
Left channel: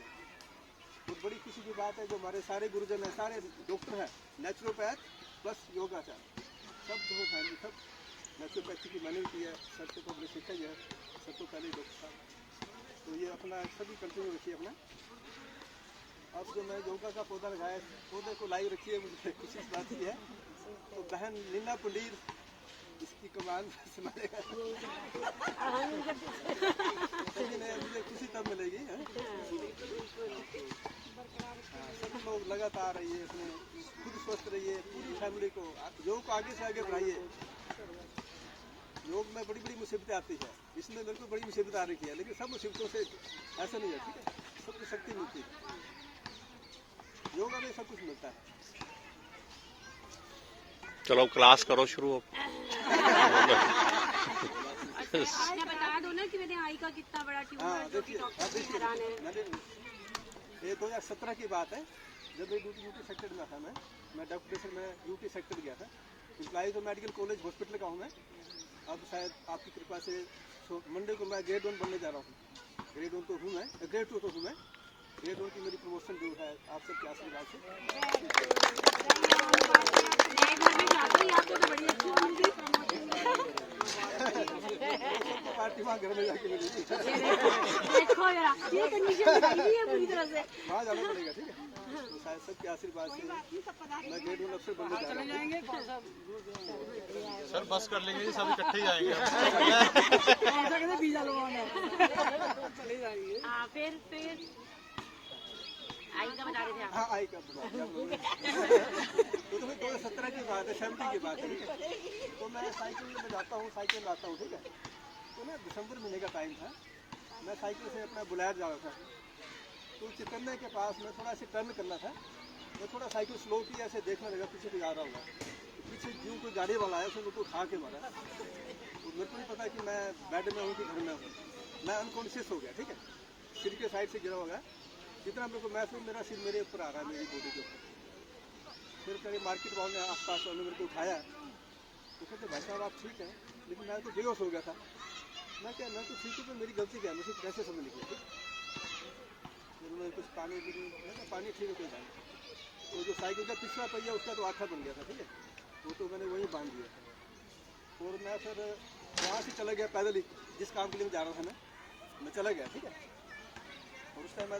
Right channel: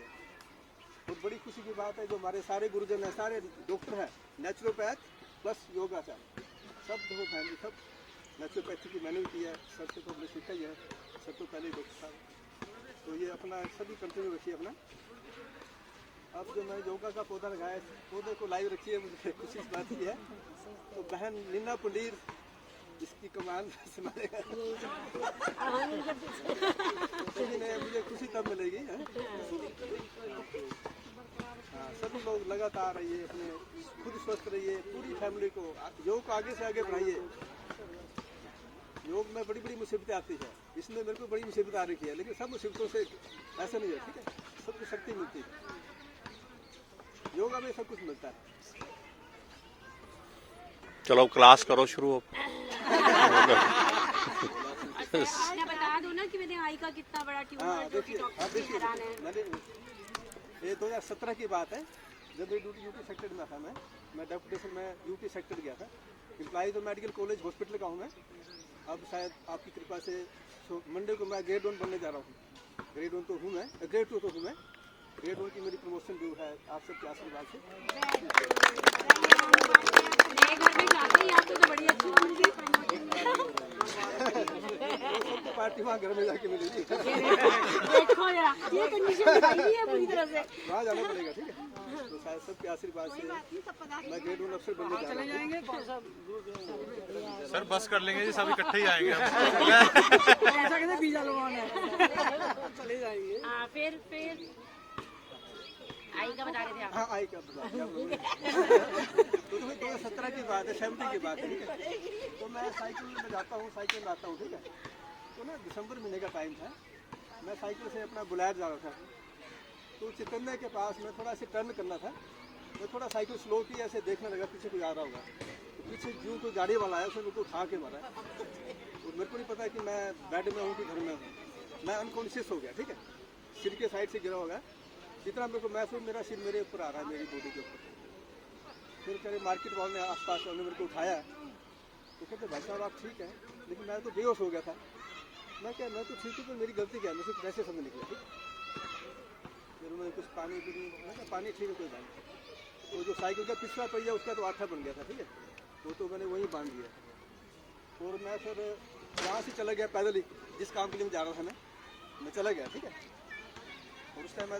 बहुत बड़ी खुशी की बात है, जो हमारे सारे गुरुजन हैं, सारे डॉक्टर हैं, नेचुरोपैथ प्लस योगाचार्य, सब देखो फैमिली, सब नेचुरोपैथी की मैंने भी की है। सर से तो हमने सीखा ही है, सर तो पहले डॉक्टर साहब। तो ये अपना सभी कंटिन्यू रखिए अपना। अब जो मैं योगा का पौधा लगाया, पौधे को लाइव रखिए, मुझे खुशी इस बात की है। तो बहन लीना पुंडीर इसकी कमान संभालेगा। मुझे खुशी तब मिलेगी। हाँ, सभी लोग लगातार रहिए, अपने खुद स्वस्थ रहिए, पूरी फैमिली को योग को आगे से आगे बढ़ाइए। योग में बड़ी बड़ी मुसीबतें आती है, इसमें मेरे को बड़ी मुसीबत आ रही है, लेकिन सब मुसीबतों से ऐसा नहीं है। ठीक है, सबको शक्ति मिलती है, योगा में सब कुछ मिलता है। चलो क्लास करो शुरू। बता दो ना कि मेरे आई का कितना बड़ा ट्यूमर है। हाँ देखिए, मैंने ये 2017 की बात है, जब मैं यूटी सेक्टर में था। मैं डेपुटेशन में यूटी सेक्टर गया था। एम्प्लॉय तो मेडिकल कॉलेज हॉस्पिटल का हूँ मैं। अब शायद आपकी कृपा से मंडे को मैं ग्रेड 1 बनने जा रहा हूँ। ग्रेड 1 तो हूँ मैं, ग्रेड 2 तो हूँ मैं। ग्रेड 1 की मेरी प्रमोशन जो है आप सबके आशीर्वाद से। सबको पार्टी वहाँ घर में जाके मिलेगी। देखो यार, ये कंडीशन बताई है पूरी तरह से। वहाँ जाना पड़ेगा। ठीक है, तो शायद सबके आशीर्वाद से मैं ग्रेड 1 अफसर बनने जा रहा हूँ। सर बस कर लेंगे जी, सब इकट्ठे ही आएंगे। ऐसा कैसे बीजा लोगों ने चले जाएंगे। फिर आई का बता रहे थे। हाँ, आई का बता क्या बोलोगे। तो 2017 की बात है, 70 की बात है। ठीक है, तो मैं साइकिल में जाता हूँ, साइकिल में आता हूँ। ठीक है, तो ना दिसंबर महीने का टाइम था, मैं साइकिल से अपना बुलायर जा रहा था। तो चितन्ने के पास में थोड़ा ऐसे टर्न करना था, मैं थोड़ा साइकिल स्लो की, ऐसे देखने लगा पीछे कोई आ रहा होगा। तो पीछे जो कोई गाड़ी वाला है उसने मेरे को उठा के मारा। और मेरे को नहीं पता कि मैं बेड में हूँ कि घर में हूँ। मैं अनकॉन्शियस हो गया। ठीक है, सिर के साइड से गिरा होगा, जितना मेरे को महसूस, मेरा सिर मेरे ऊपर आ रहा है, मेरी बॉडी के ऊपर। फिर मेरे मार्केट वालों ने, आसपास वालों ने मेरे को उठाया। तो कहते भाई साहब आप ठीक है, लेकिन मैं तो बेहोश हो गया था। मैं क्या, मैं तो ठीक हूँ, तो मेरी गलती क्या है, मुझे कैसे समझ निकली। फिर उन्होंने कुछ पानी पानी ठीक है कोई बात नहीं। तो जो साइकिल का पिछला पहिया उसका तो आठा बन गया था, ठीक है, वो तो मैंने वहीं बांध दिया। और मैं फिर वहाँ से चला गया पैदल ही, जिस काम के लिए मैं जा रहा था मैं चला गया, ठीक है। और उस टाइम मैं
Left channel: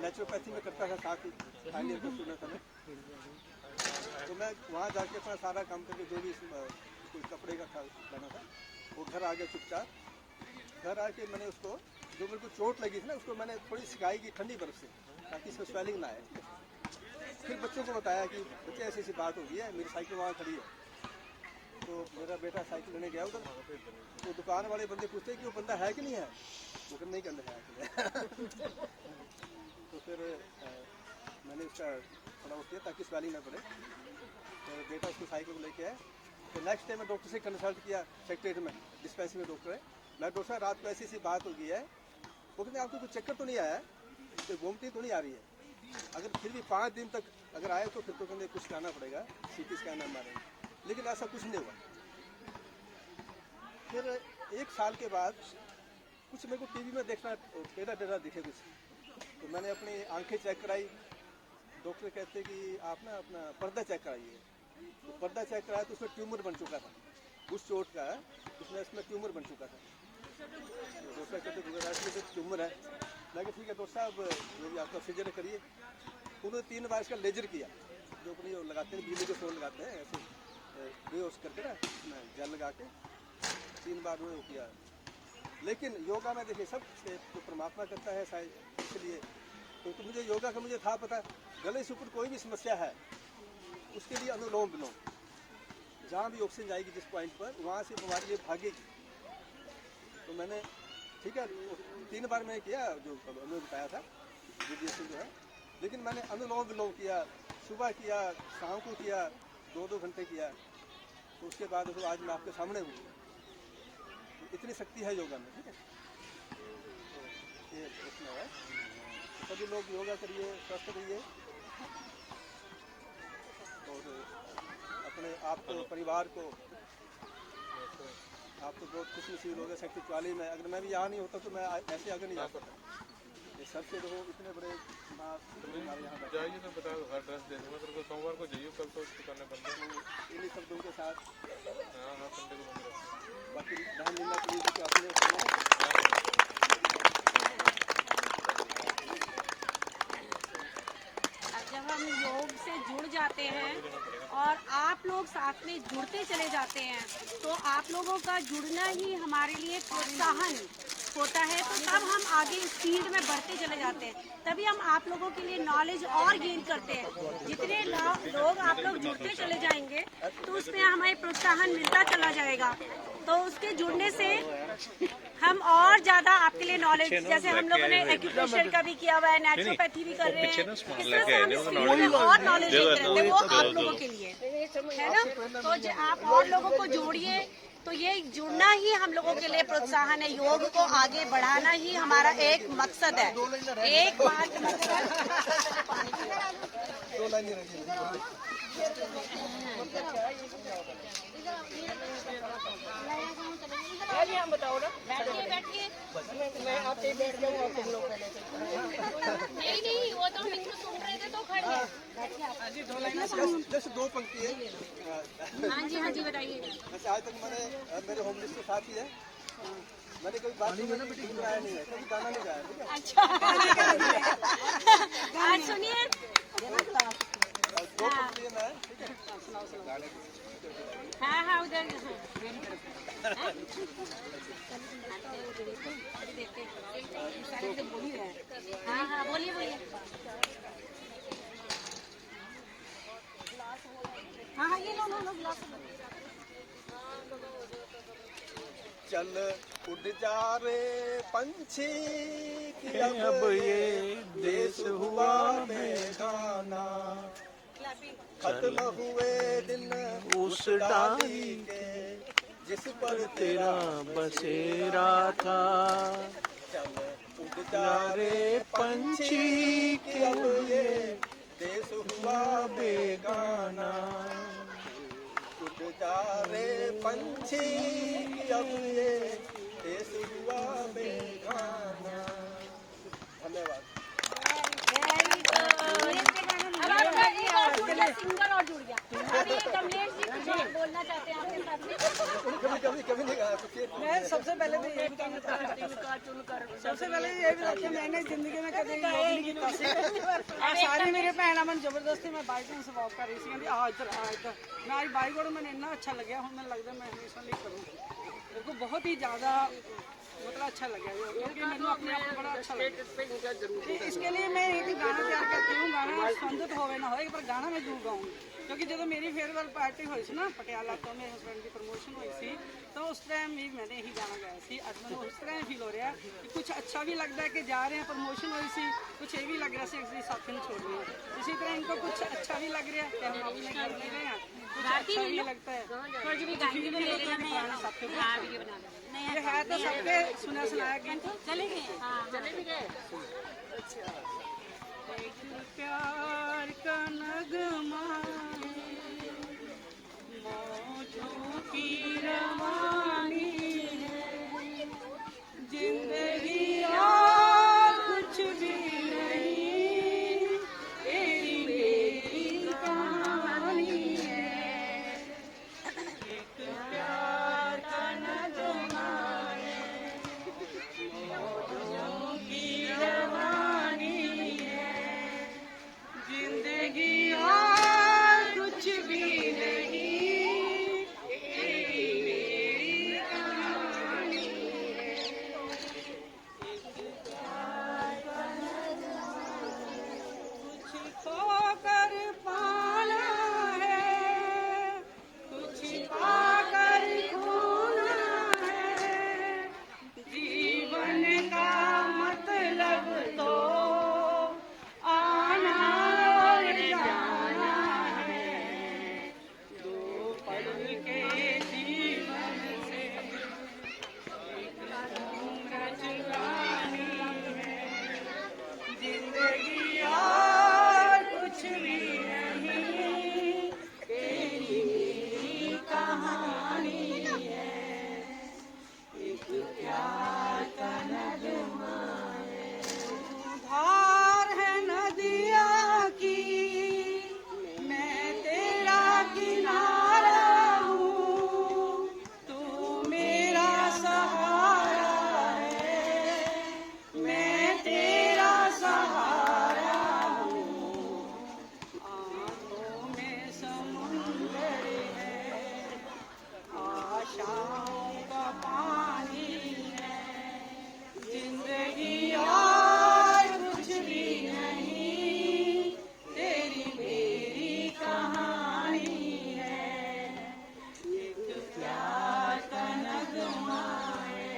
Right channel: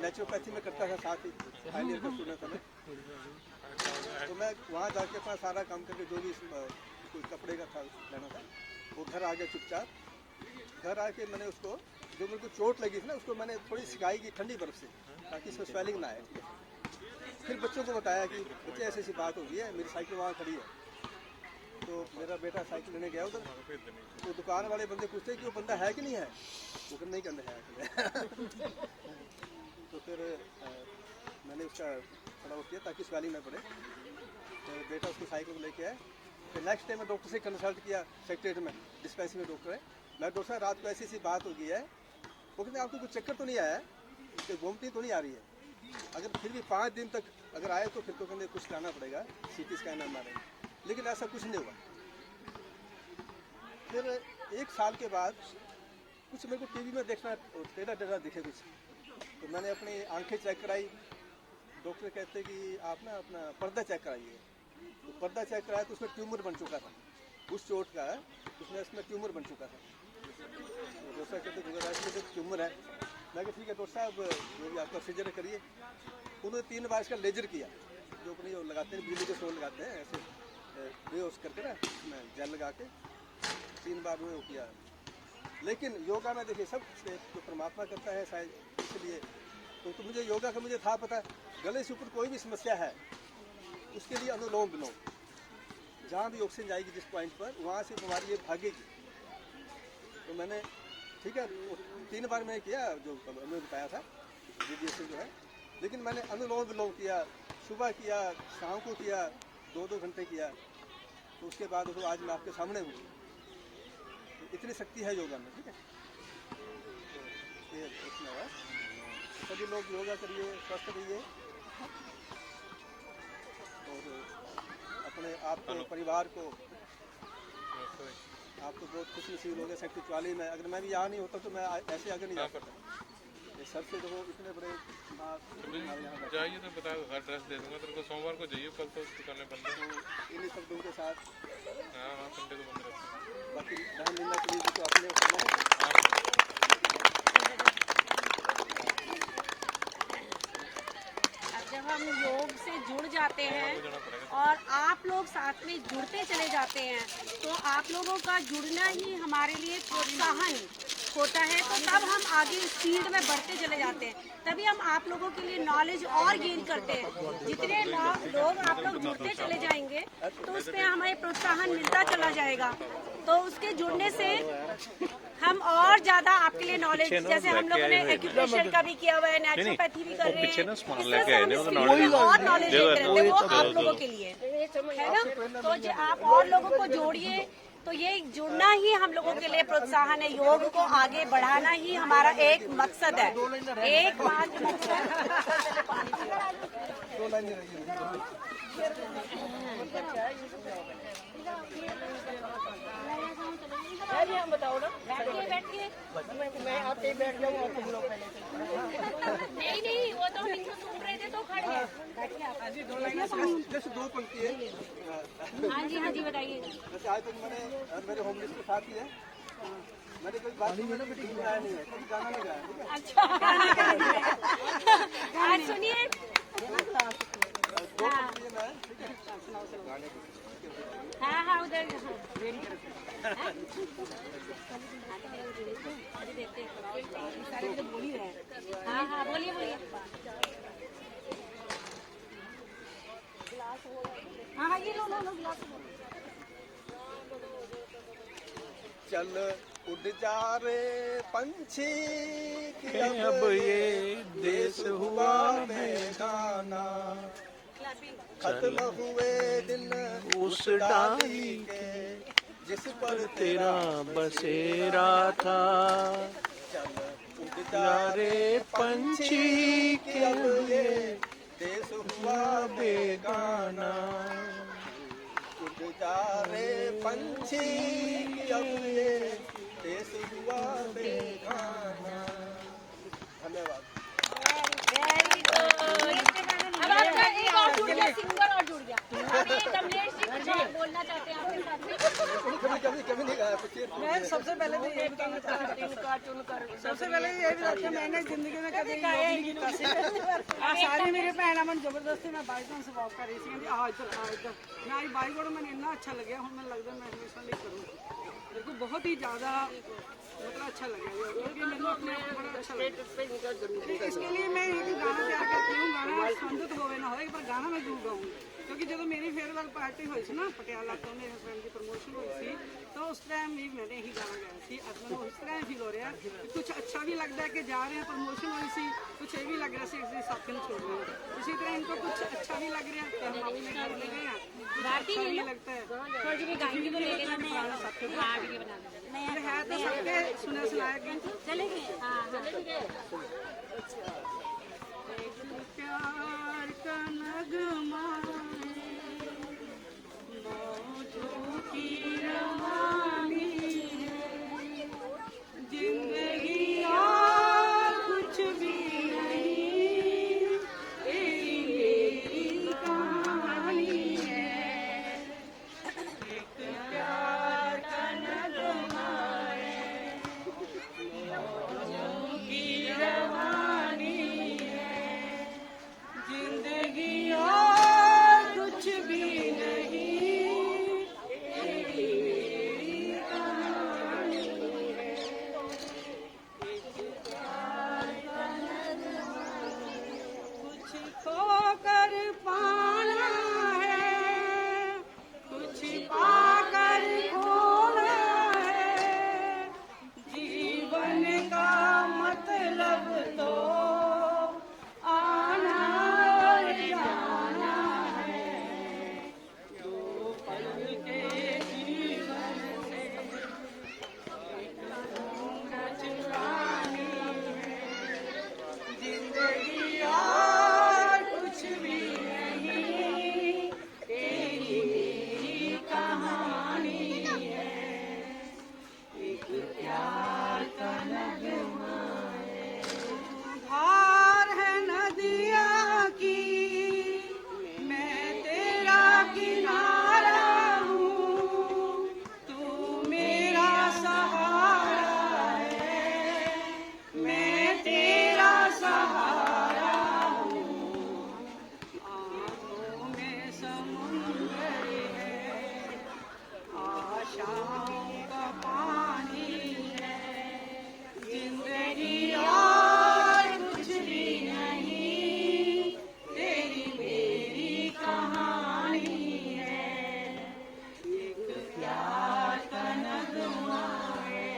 नेचुरोपैथी में करता था, साथ ही फाइनल ईयर का स्टूडेंट था मैं। तो मैं वहाँ जाके अपना सारा काम करके जो भी कोई कपड़े का था लेना था, वो घर आ गया चुपचाप। घर आके मैंने उसको, जो मेरे को चोट लगी थी ना, उसको मैंने थोड़ी सिकाई की ठंडी बर्फ से, ताकि इसमें स्वेलिंग ना आए। फिर बच्चों को बताया कि बच्चे ऐसी ऐसी बात हो गई है, मेरी साइकिल वहाँ खड़ी है। तो मेरा बेटा साइकिल लेने गया उधर, तो दुकान वाले बंदे पूछते कि वो बंदा है कि नहीं है, वो कहते नहीं कहते है। तो फिर मैंने उसका थोड़ा वो किया ताकि स्वेलिंग ना पड़े। फिर बेटा उसको साइकिल को लेके आए। फिर नेक्स्ट डे मैं डॉक्टर से कंसल्ट किया, सेक्रेटरी में डिस्पेंसरी में डॉक्टर है। मैं डॉक्टर साहब रात को ऐसी ऐसी बात हो गई है, वो कहते आपको कुछ चक्कर तो नहीं आया है, कि वोमिटिंग तो नहीं आ रही है, अगर फिर भी 5 दिन तक अगर आए तो फिर तो कहते कुछ कराना पड़ेगा, CT स्कैन मारेंगे। लेकिन ऐसा कुछ नहीं हुआ। फिर 1 साल के बाद कुछ मेरे को टीवी में देखना टेढ़ा टेढ़ा दिखे कुछ, तो मैंने अपनी आंखें चेक कराई। डॉक्टर कहते कि आप ना अपना पर्दा चेक कराइए। तो पर्दा चेक कराया तो उसमें ट्यूमर बन चुका था, उस चोट का उसमें ट्यूमर बन चुका था। तो डॉक्टर कहते ट्यूमर है। मैं कहा ठीक है डॉक्टर साहब, जो भी आपका सर्जरी करिए। उन्होंने 3 बार इसका लेजर किया, जो अपनी लगाते हैं बिजली के फोन लगाते हैं ऐसे बेहोश करके ना, जेल लगा के 3 बार उन्होंने किया। लेकिन योगा में देखिए सब जो परमात्मा करता है शायद, इसलिए तो मुझे योगा का मुझे था पता, गले से ऊपर कोई भी समस्या है उसके लिए अनुलोम विलोम, जहाँ भी ऑक्सीजन जाएगी जिस पॉइंट पर, वहाँ से बीमारी ये भागेगी। तो मैंने ठीक है 3 बार मैंने किया जो उन्होंने बताया था रेडिएशन जो है। लेकिन मैंने अनुलोम विलोम किया, सुबह किया, शाम को किया, 2-2 घंटे किया। तो उसके बाद तो आज मैं आपके सामने हूँ। तो इतनी शक्ति है योगा में, ठीक है। तो ये उसमें है, सभी लोग योगा करिए, स्वस्थ रहिए और अपने आप को, परिवार को, आप तो बहुत खुश नसीब लोग हैं। सेक्टर 44 में अगर मैं भी यहाँ नहीं होता तो मैं ऐसे आगे नहीं जा सकता। ये सबसे देखो इतने बड़े हमारे यहाँ जाइए तो बताओ, हर ड्रेस दे दूँगा तेरे को। सोमवार को जाइए, कल तो दुकानें बंद है। तो इन्हीं शब्दों के साथ हाँ संडे को बंद रहता है। बाकी बहन लीला पुलिस को अपने जब हम योग से जुड़ जाते हैं और आप लोग साथ में जुड़ते चले जाते हैं, तो आप लोगों का जुड़ना ही हमारे लिए प्रोत्साहन होता है। तो तब हम आगे स्पीड में बढ़ते चले जाते हैं, तभी हम आप लोगों के लिए नॉलेज और गेन करते हैं। जितने लोग आप लोग जुड़ते चले जाएंगे तो उसमें हमें प्रोत्साहन मिलता चला जाएगा। तो उसके जुड़ने से हम और ज्यादा आपके लिए नॉलेज, जैसे हम लोगों ने एक्यूप्रेशर का भी किया हुआ है, नेचुरोपैथी भी कर रहे हैं, इस तरह से हम स्पीड में और नॉलेज लेते रहते हैं, वो आप लोगों के लिए है ना। तो आप और लोगों को जोड़िए, तो ये जुड़ना ही हम लोगों के लिए प्रोत्साहन है। योग को आगे बढ़ाना ही हमारा एक मकसद है, एकमात्र मकसद। हम बताओ ना, बैठिए मैं आते ही बैठ जाऊंगा और तुम लोग पहले नहीं, वो तो बिल्कुल सुन रहे थे तो खड़े हैं। बैठिए आप। जैसे 2 पंक्ति है। हाँ जी बताइए। वैसे आज तक मैंने मेरे होम लिस्ट के साथ ही है, मैंने कोई बात नहीं ना गीत गाया नहीं है, कभी गाना नहीं गाया, ठीक है। अच्छा गाना सुनिए। 2 पंक्ति है मैं, ठीक है। गाने हाँ उधर हाँ बोलिए हाँ ये लो गिलास। चल उड़ जा रे पंछी कि अब ये देश हुआ बेगाना, खत्म हुए दिन उस डाली के जिस पर तेरा बसेरा था। चल उड़ जा रे पंछी कि अब ये देश हुआ बेगाना, उड़ जा रे पंछी कि अब ये देश हुआ बेगाना। धन्यवाद। कभी नहीं आया तो मैं सबसे पहले तो यही सबसे पहले यही बताती हूँ, मैंने जिंदगी में कभी योग नहीं किया आ सारी मेरे भैन मैं जबरदस्ती मैं बाइक से वॉक कर रही थी, कहती आ इधर मैं आज बाइक वालों मैंने इतना अच्छा लगे हूँ, मैंने लगता मैं हमेशा लिए करूँ, मेरे को बहुत ही ज़्यादा मतलब अच्छा लगा क्योंकि मैंने अपने आप को बड़ा अच्छा लगा। इसके लिए मैं एक गाना तैयार करती हूँ, गाना संबंधित होवे ना होए पर गाना मैं जरूर गाऊंगी क्योंकि जो मेरी फेयरवेल पार्टी हुई थी ना पटियाला तो मेरे हस्बैंड की प्रमोशन हुई थी तो उस टाइम भी मैंने यही गाना गाया सी। अज मैं इस तरह फील हो रहा है कि कुछ अच्छा भी लगता है कि जा रहे हैं प्रमोशन हुई सी, कुछ ये भी लग रहा है साथी छोड़ रहे हैं, इसी तरह इनको कुछ अच्छा भी लग रहा है कि हम अपने घर में गए हैं, कुछ अच्छा भी लगता है है तो सबके सुना सुनाया कि चले गए प्यार का नगमा मौजों की रवानी है, जिंदगी और कुछ भी नहीं, तेरी मेरी कहानी है, एक प्यार का नगमा है, मौजों की रवानी है, जिंदगी और कुछ भी नहीं, तेरी मेरी कहानी है, एक प्यार का नगमा है, कुछ खोकर पाना है, कुछ पाकर खोना है, जीवन का मतलब तो आना और जाना है, दो पल के जीवन से एक घूंघ चुरानी है, जिंदगी और कुछ भी नहीं, तेरी मेरी कहानी है, एक प्यार का नगमा है, धार है नदिया की मैं तेरा किनारा हूँ, तू मेरा सहारा है, मैं तेरा सहारा हूँ, आँखों में समुंदर है, आशाओं का पानी है, जिंदगी और कुछ भी नहीं, तेरी मेरी कहानी है, एक प्यार का नगमा है,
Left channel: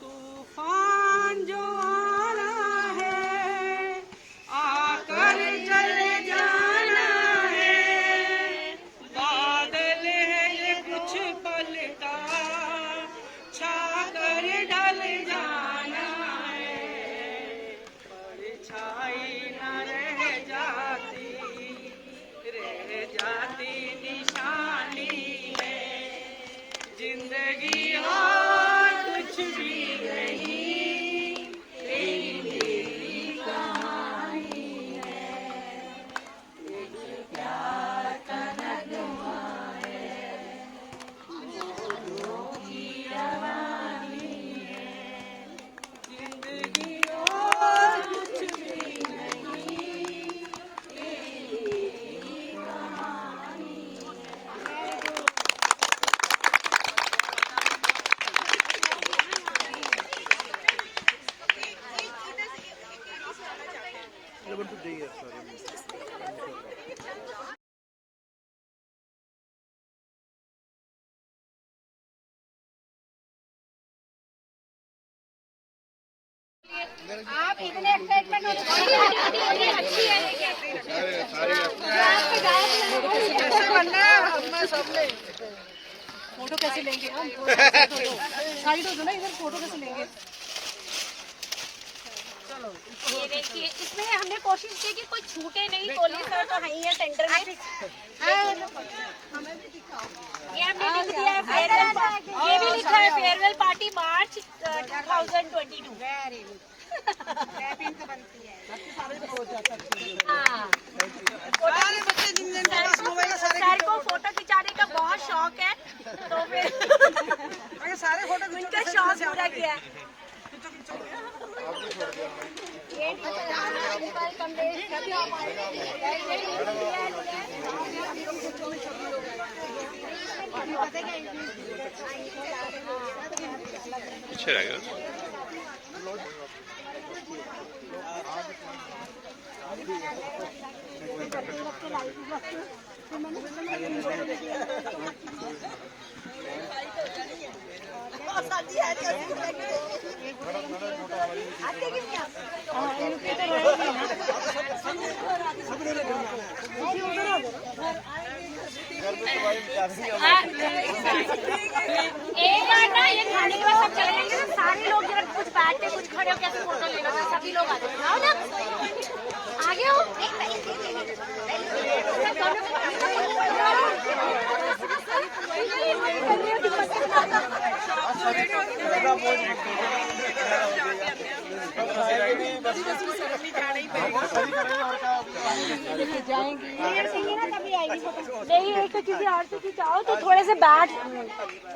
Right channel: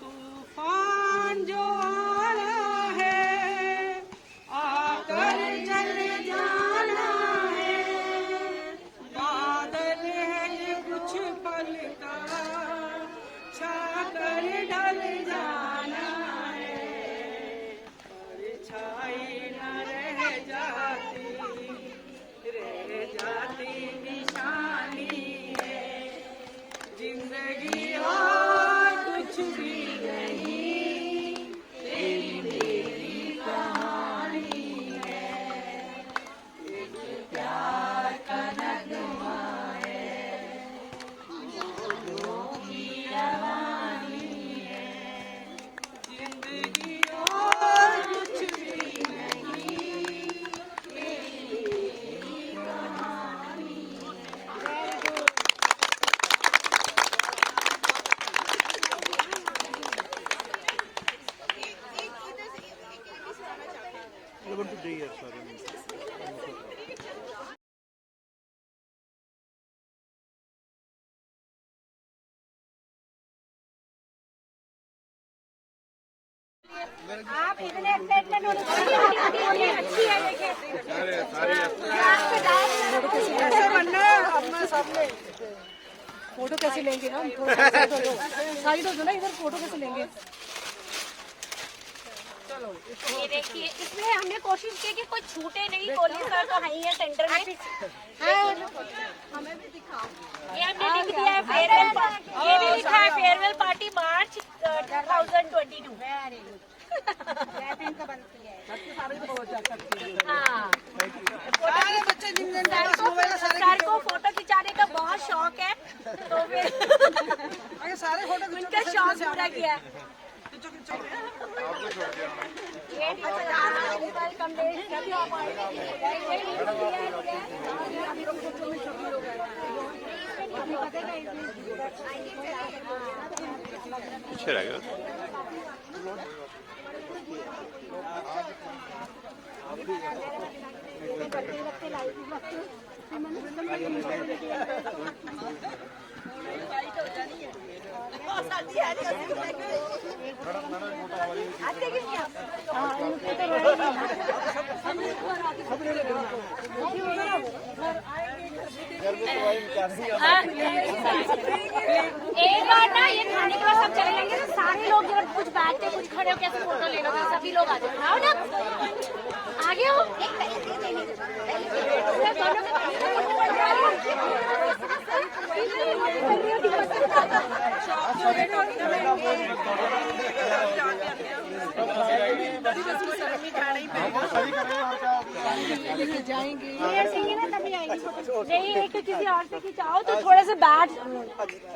तूफान जो आना है आकर चले जाना है, बादल है ये कुछ पल का छाकर ढल जाना है, परछाई न रह जाती निशानी है, जिंदगी और कुछ भी नहीं, तेरी मेरी कहानी है, एक प्यार का नगमा है, मौजों की रवानी है, जिंदगी और कुछ भी नहीं, तेरी मेरी कहानी है। आप इतने एक्साइटमेंट होने अच्छी है फोटो कैसे लेंगे हम, साइड हो ना इधर, फोटो कैसे लेंगे। ये देखिए इसमें हमने कोशिश की कि कोई छूटे नहीं, कोहली सर तो है ही है सेंटर में, हमें भी दिखाओ। ये हमने लिख दिया है फेयरवेल, ये भी लिखा है फेयरवेल पार्टी मार्च 2022। हाँ, सर को फोटो खिंचाने का बहुत शौक है तो फिर पीछे रह गया। एक बार ना ये खाने के बाद सब चले जाएंगे तो सारे लोग जरा कुछ बैठ के कुछ खड़े होकर ऐसे फोटो लेना था, सभी लोग आ जाओ। आओ ना, आगे हो। तभी आएगी फोटो। नहीं एक तो किसी और से खिंचाओ तो थोड़े से बैठ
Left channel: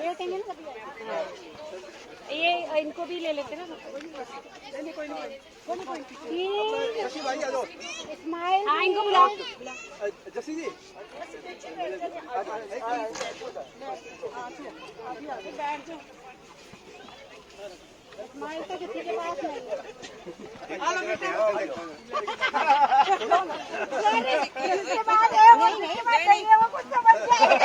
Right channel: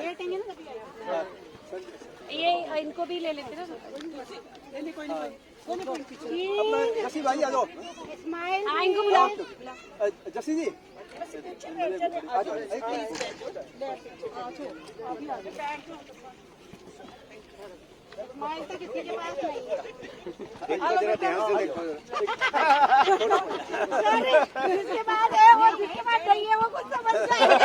लेटेंगे ना तभी आएगी। ये इनको भी ले लेते ना। जसी भाई आ जाओ। स्माइल इनको बुलाओ। जसी जी स्माइल तो किसी के पास नहीं है। सॉरी, जिसके पास है वो, जिसके पास नहीं है वो कुछ समझ जाएगा।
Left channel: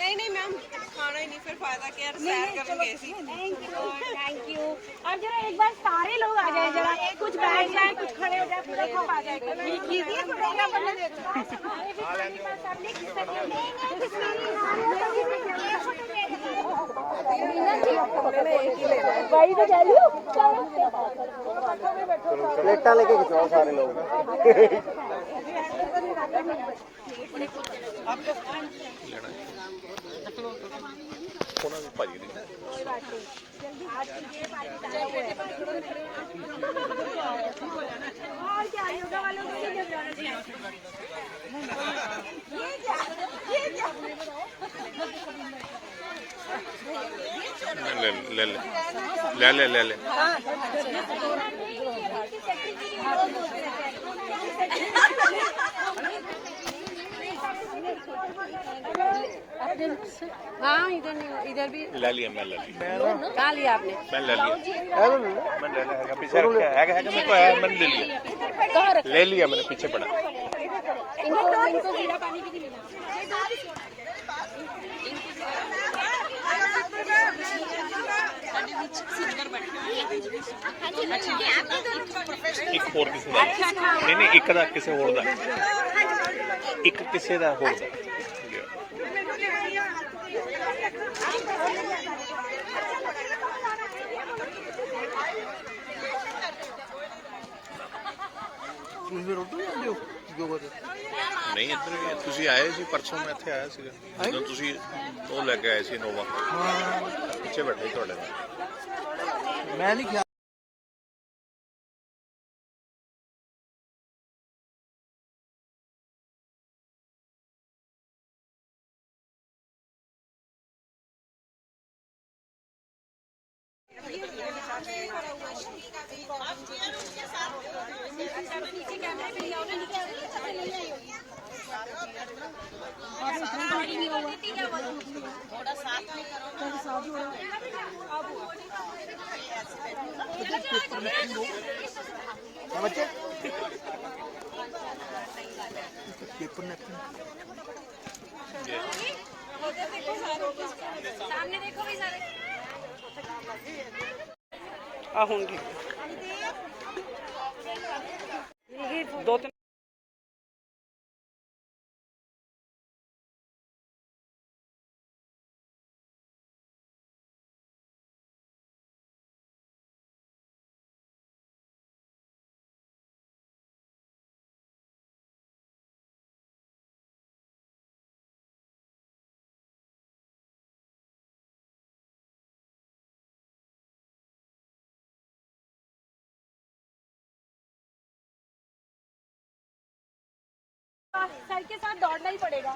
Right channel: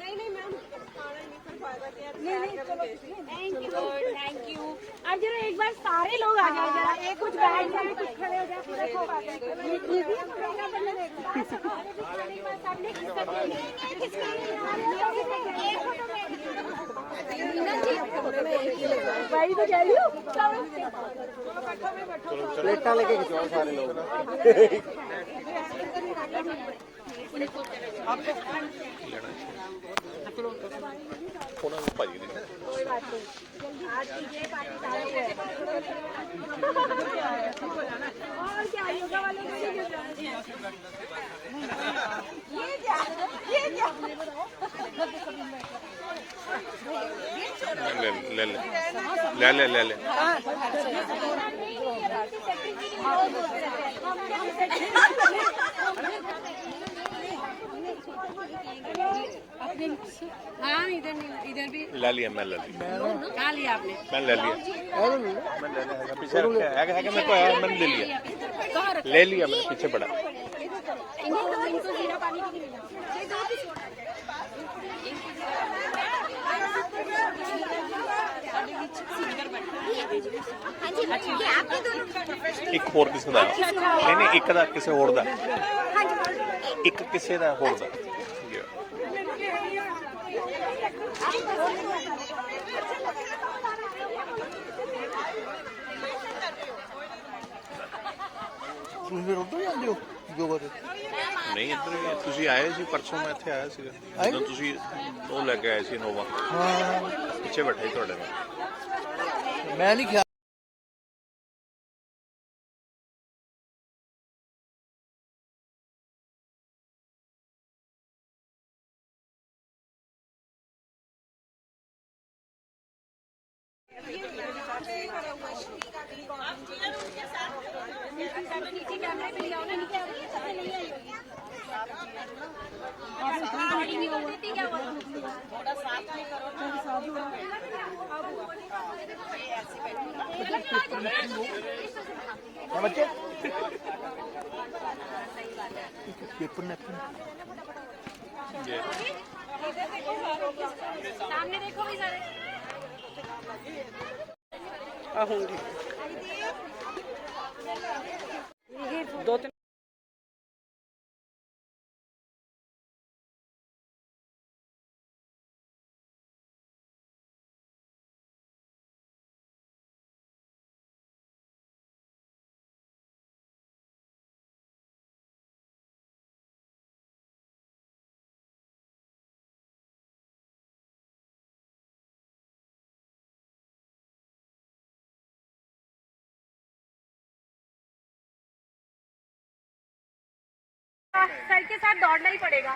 नहीं नहीं मैम, खाना ही नहीं, फिर फायदा क्या, सैर करेंगे ऐसी। Thank you. अब जरा एक बार सारे लोग आ जाए, जरा कुछ बैठ जाए, कुछ खड़े हो जाए, पूरा सब आ जाए। प्रोग्राम बनने देते वही तो कह रही हूँ। प्लेटा लेके खिंचवाओ सारे लोग। ਉਹਨਾਂ ਨੂੰ ਭਾਜੀ ਦੀ कोई बात नहीं, जल्दी आज कीजिए, पार्टी सारा हुआ है। और क्या योगा वालों को भी जाना चाहिए। ले हाँ इधर नहीं, इधर भी ले लिया। मैं ले लिया। कहाँ लिया आपने? मैं ले लिया। मैं ले लिया। पीछे रखा है मेरे को है, मैंने ले लिया। ले लिया मैंने, पीछे पड़ा। इनको जीरा पानी भी नहीं लेना। ਇੱਕ ਹੋਰ ਕਿਸੇ ਦਾ ਨਹੀਂ ਇੱਕ ਦਾ ਕਿਸੇ ਹੋਰ ਦਾ ਇੱਕ ਕਿਸੇ ਦਾ ਹੋਰ ਦਾ ਨਹੀਂ ਇੱਧਰ ਵੀ ਤੁਸੀਂ ਆਏ ਸੀ ਪਰਸੋਂ, ਮੈਂ ਇੱਥੇ ਆਇਆ ਸੀਗਾ ਜਦੋਂ ਤੁਸੀਂ ਉਹ ਲੈ ਕੇ ਆਏ ਸੀ ਨੋਵਾ। ਪਿੱਛੇ ਬੈਠਾ ਸੀ ਤੁਹਾਡੇ ਨਾਲ। मैं नहीं खिया थोड़ा साथ में करो ना, बच्चे सामने देखो भी सारे। होंगे दो तीन सर के साथ दौड़ना ही पड़ेगा।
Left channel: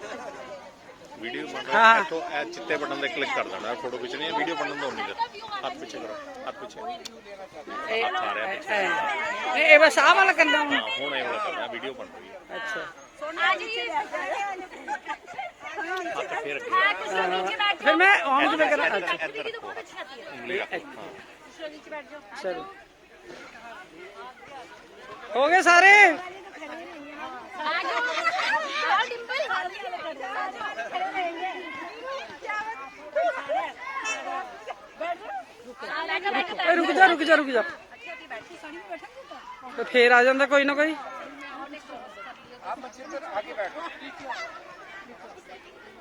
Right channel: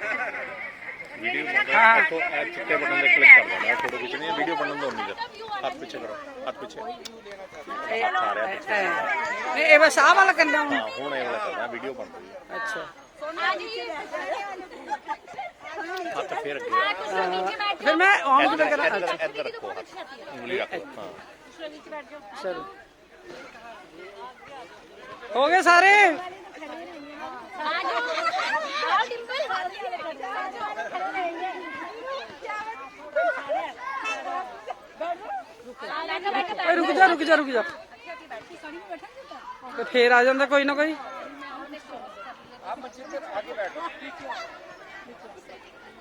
ਵੀਡੀਓ ਬਣ ਰਿਹਾ ਹੈ तो ਇਹ ਚਿੱਟੇ ਬਟਨ ਤੇ ਕਲਿੱਕ ਕਰ ਦੇਣਾ ਫੋਟੋ ਖਿੱਚਣੀ ਹੈ ਵੀਡੀਓ ਬਣਨ ਦੋ ਨਹੀਂ ਹੱਥ ਪਿੱਛੇ ਕਰੋ ਹੱਥ ਪਿੱਛੇ ਆ ਰਿਹਾ ਪਿੱਛੇ ਨਹੀਂ ਇਹ ਬਸ ਆਹ ਵਾਲਾ ਕਰਨਾ ਹੁਣ ਹਾਂ ਹੁਣ ਇਹ ਵਾਲਾ ਕਰਨਾ ਵੀਡੀਓ ਬਣ ਰਹੀ ਹੈ ਅੱਛਾ ਹੱਥ ਫਿਰ हाँ कुछ लोग नीचे बैठ ਫਿਰ मैं ऑन किਵੇਂ ਕਰਾਂ ਅੱਛਾ जाओ दीदी तो बहुत अच्छी आती है ਉਂਗਲੀ ਰੱਖੋ कुछ लोग नीचे बैठ जाओ ਚਲੋ ਹੋ ਗਏ ਸਾਰੇ आ जाओ आओ डिंपल ਓਏ ਰੁਕ ਜਾ ਰੁਕ ਜਾ ਤੇ ਫੇਰ ਆ ਜਾਂਦਾ ਕੋਈ ਨਾ ਕੋਈ आप बच्चे तो आगे बैठो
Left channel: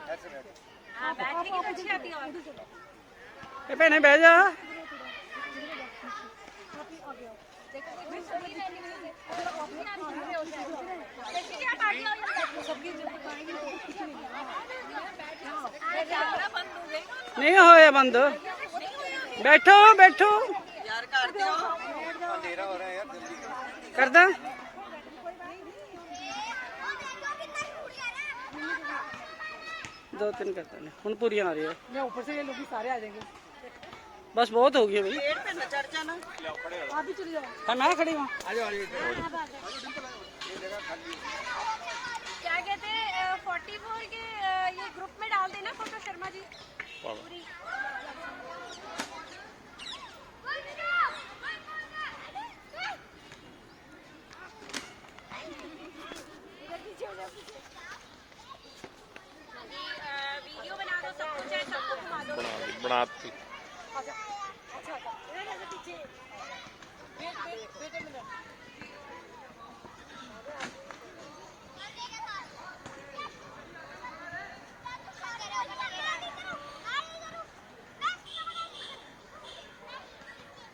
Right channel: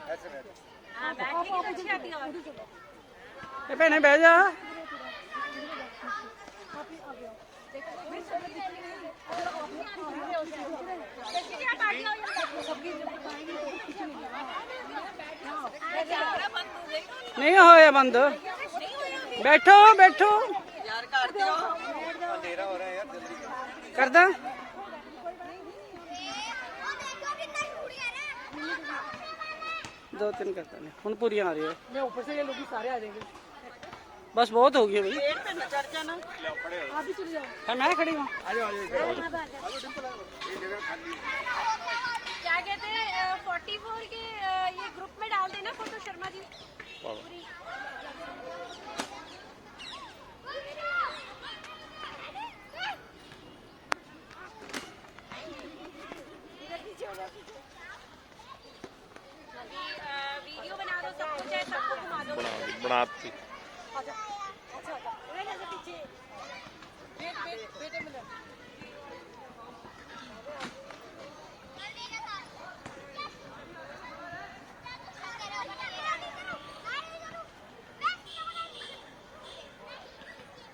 ऐसे बैठो हाँ बैठने की तो अच्छी आती है और ਇਹ ਭੈਣੇ ਬਹਿ ਜਾ देखिए आप आगे आओ ਨਹੀਂ ਹੋਇਆ ਬੰਦ ਬੈਠੋ ਬੈਠੋ अंधेरा हो रहा है यार जल्दी करो। ਕਰਦਾ दो तीन करता नहीं ਹੁਣ ਪੂਰੀਆਂ ਆ ਰਹੀਆਂ मैं ऊपर से ये लोग भी सारे आ जाएंगे बस बहुत हो गई है भाई आप भी चले जाओ हाँ मैं खड़ी हूँ क्या कहते हैं 44 के ये ग्रुप में डाल देना फोटो शर्मा जी पूरी वीडियो बना दो सबको चाहे सबको घुमा दो ਬਣਾਤੀ पीछे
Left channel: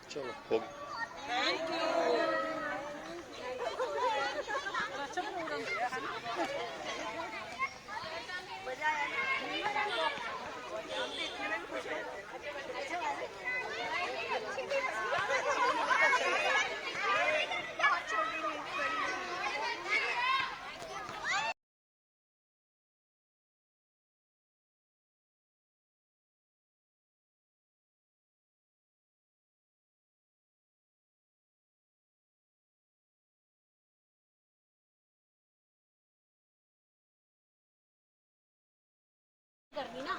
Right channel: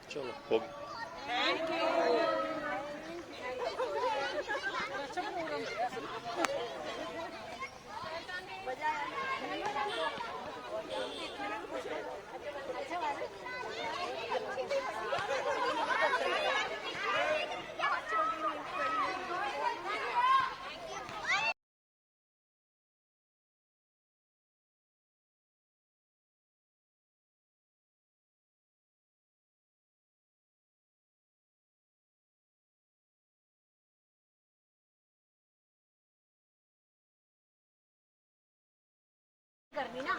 ਚਲੋ ਹੋ ਗਈ करनी ना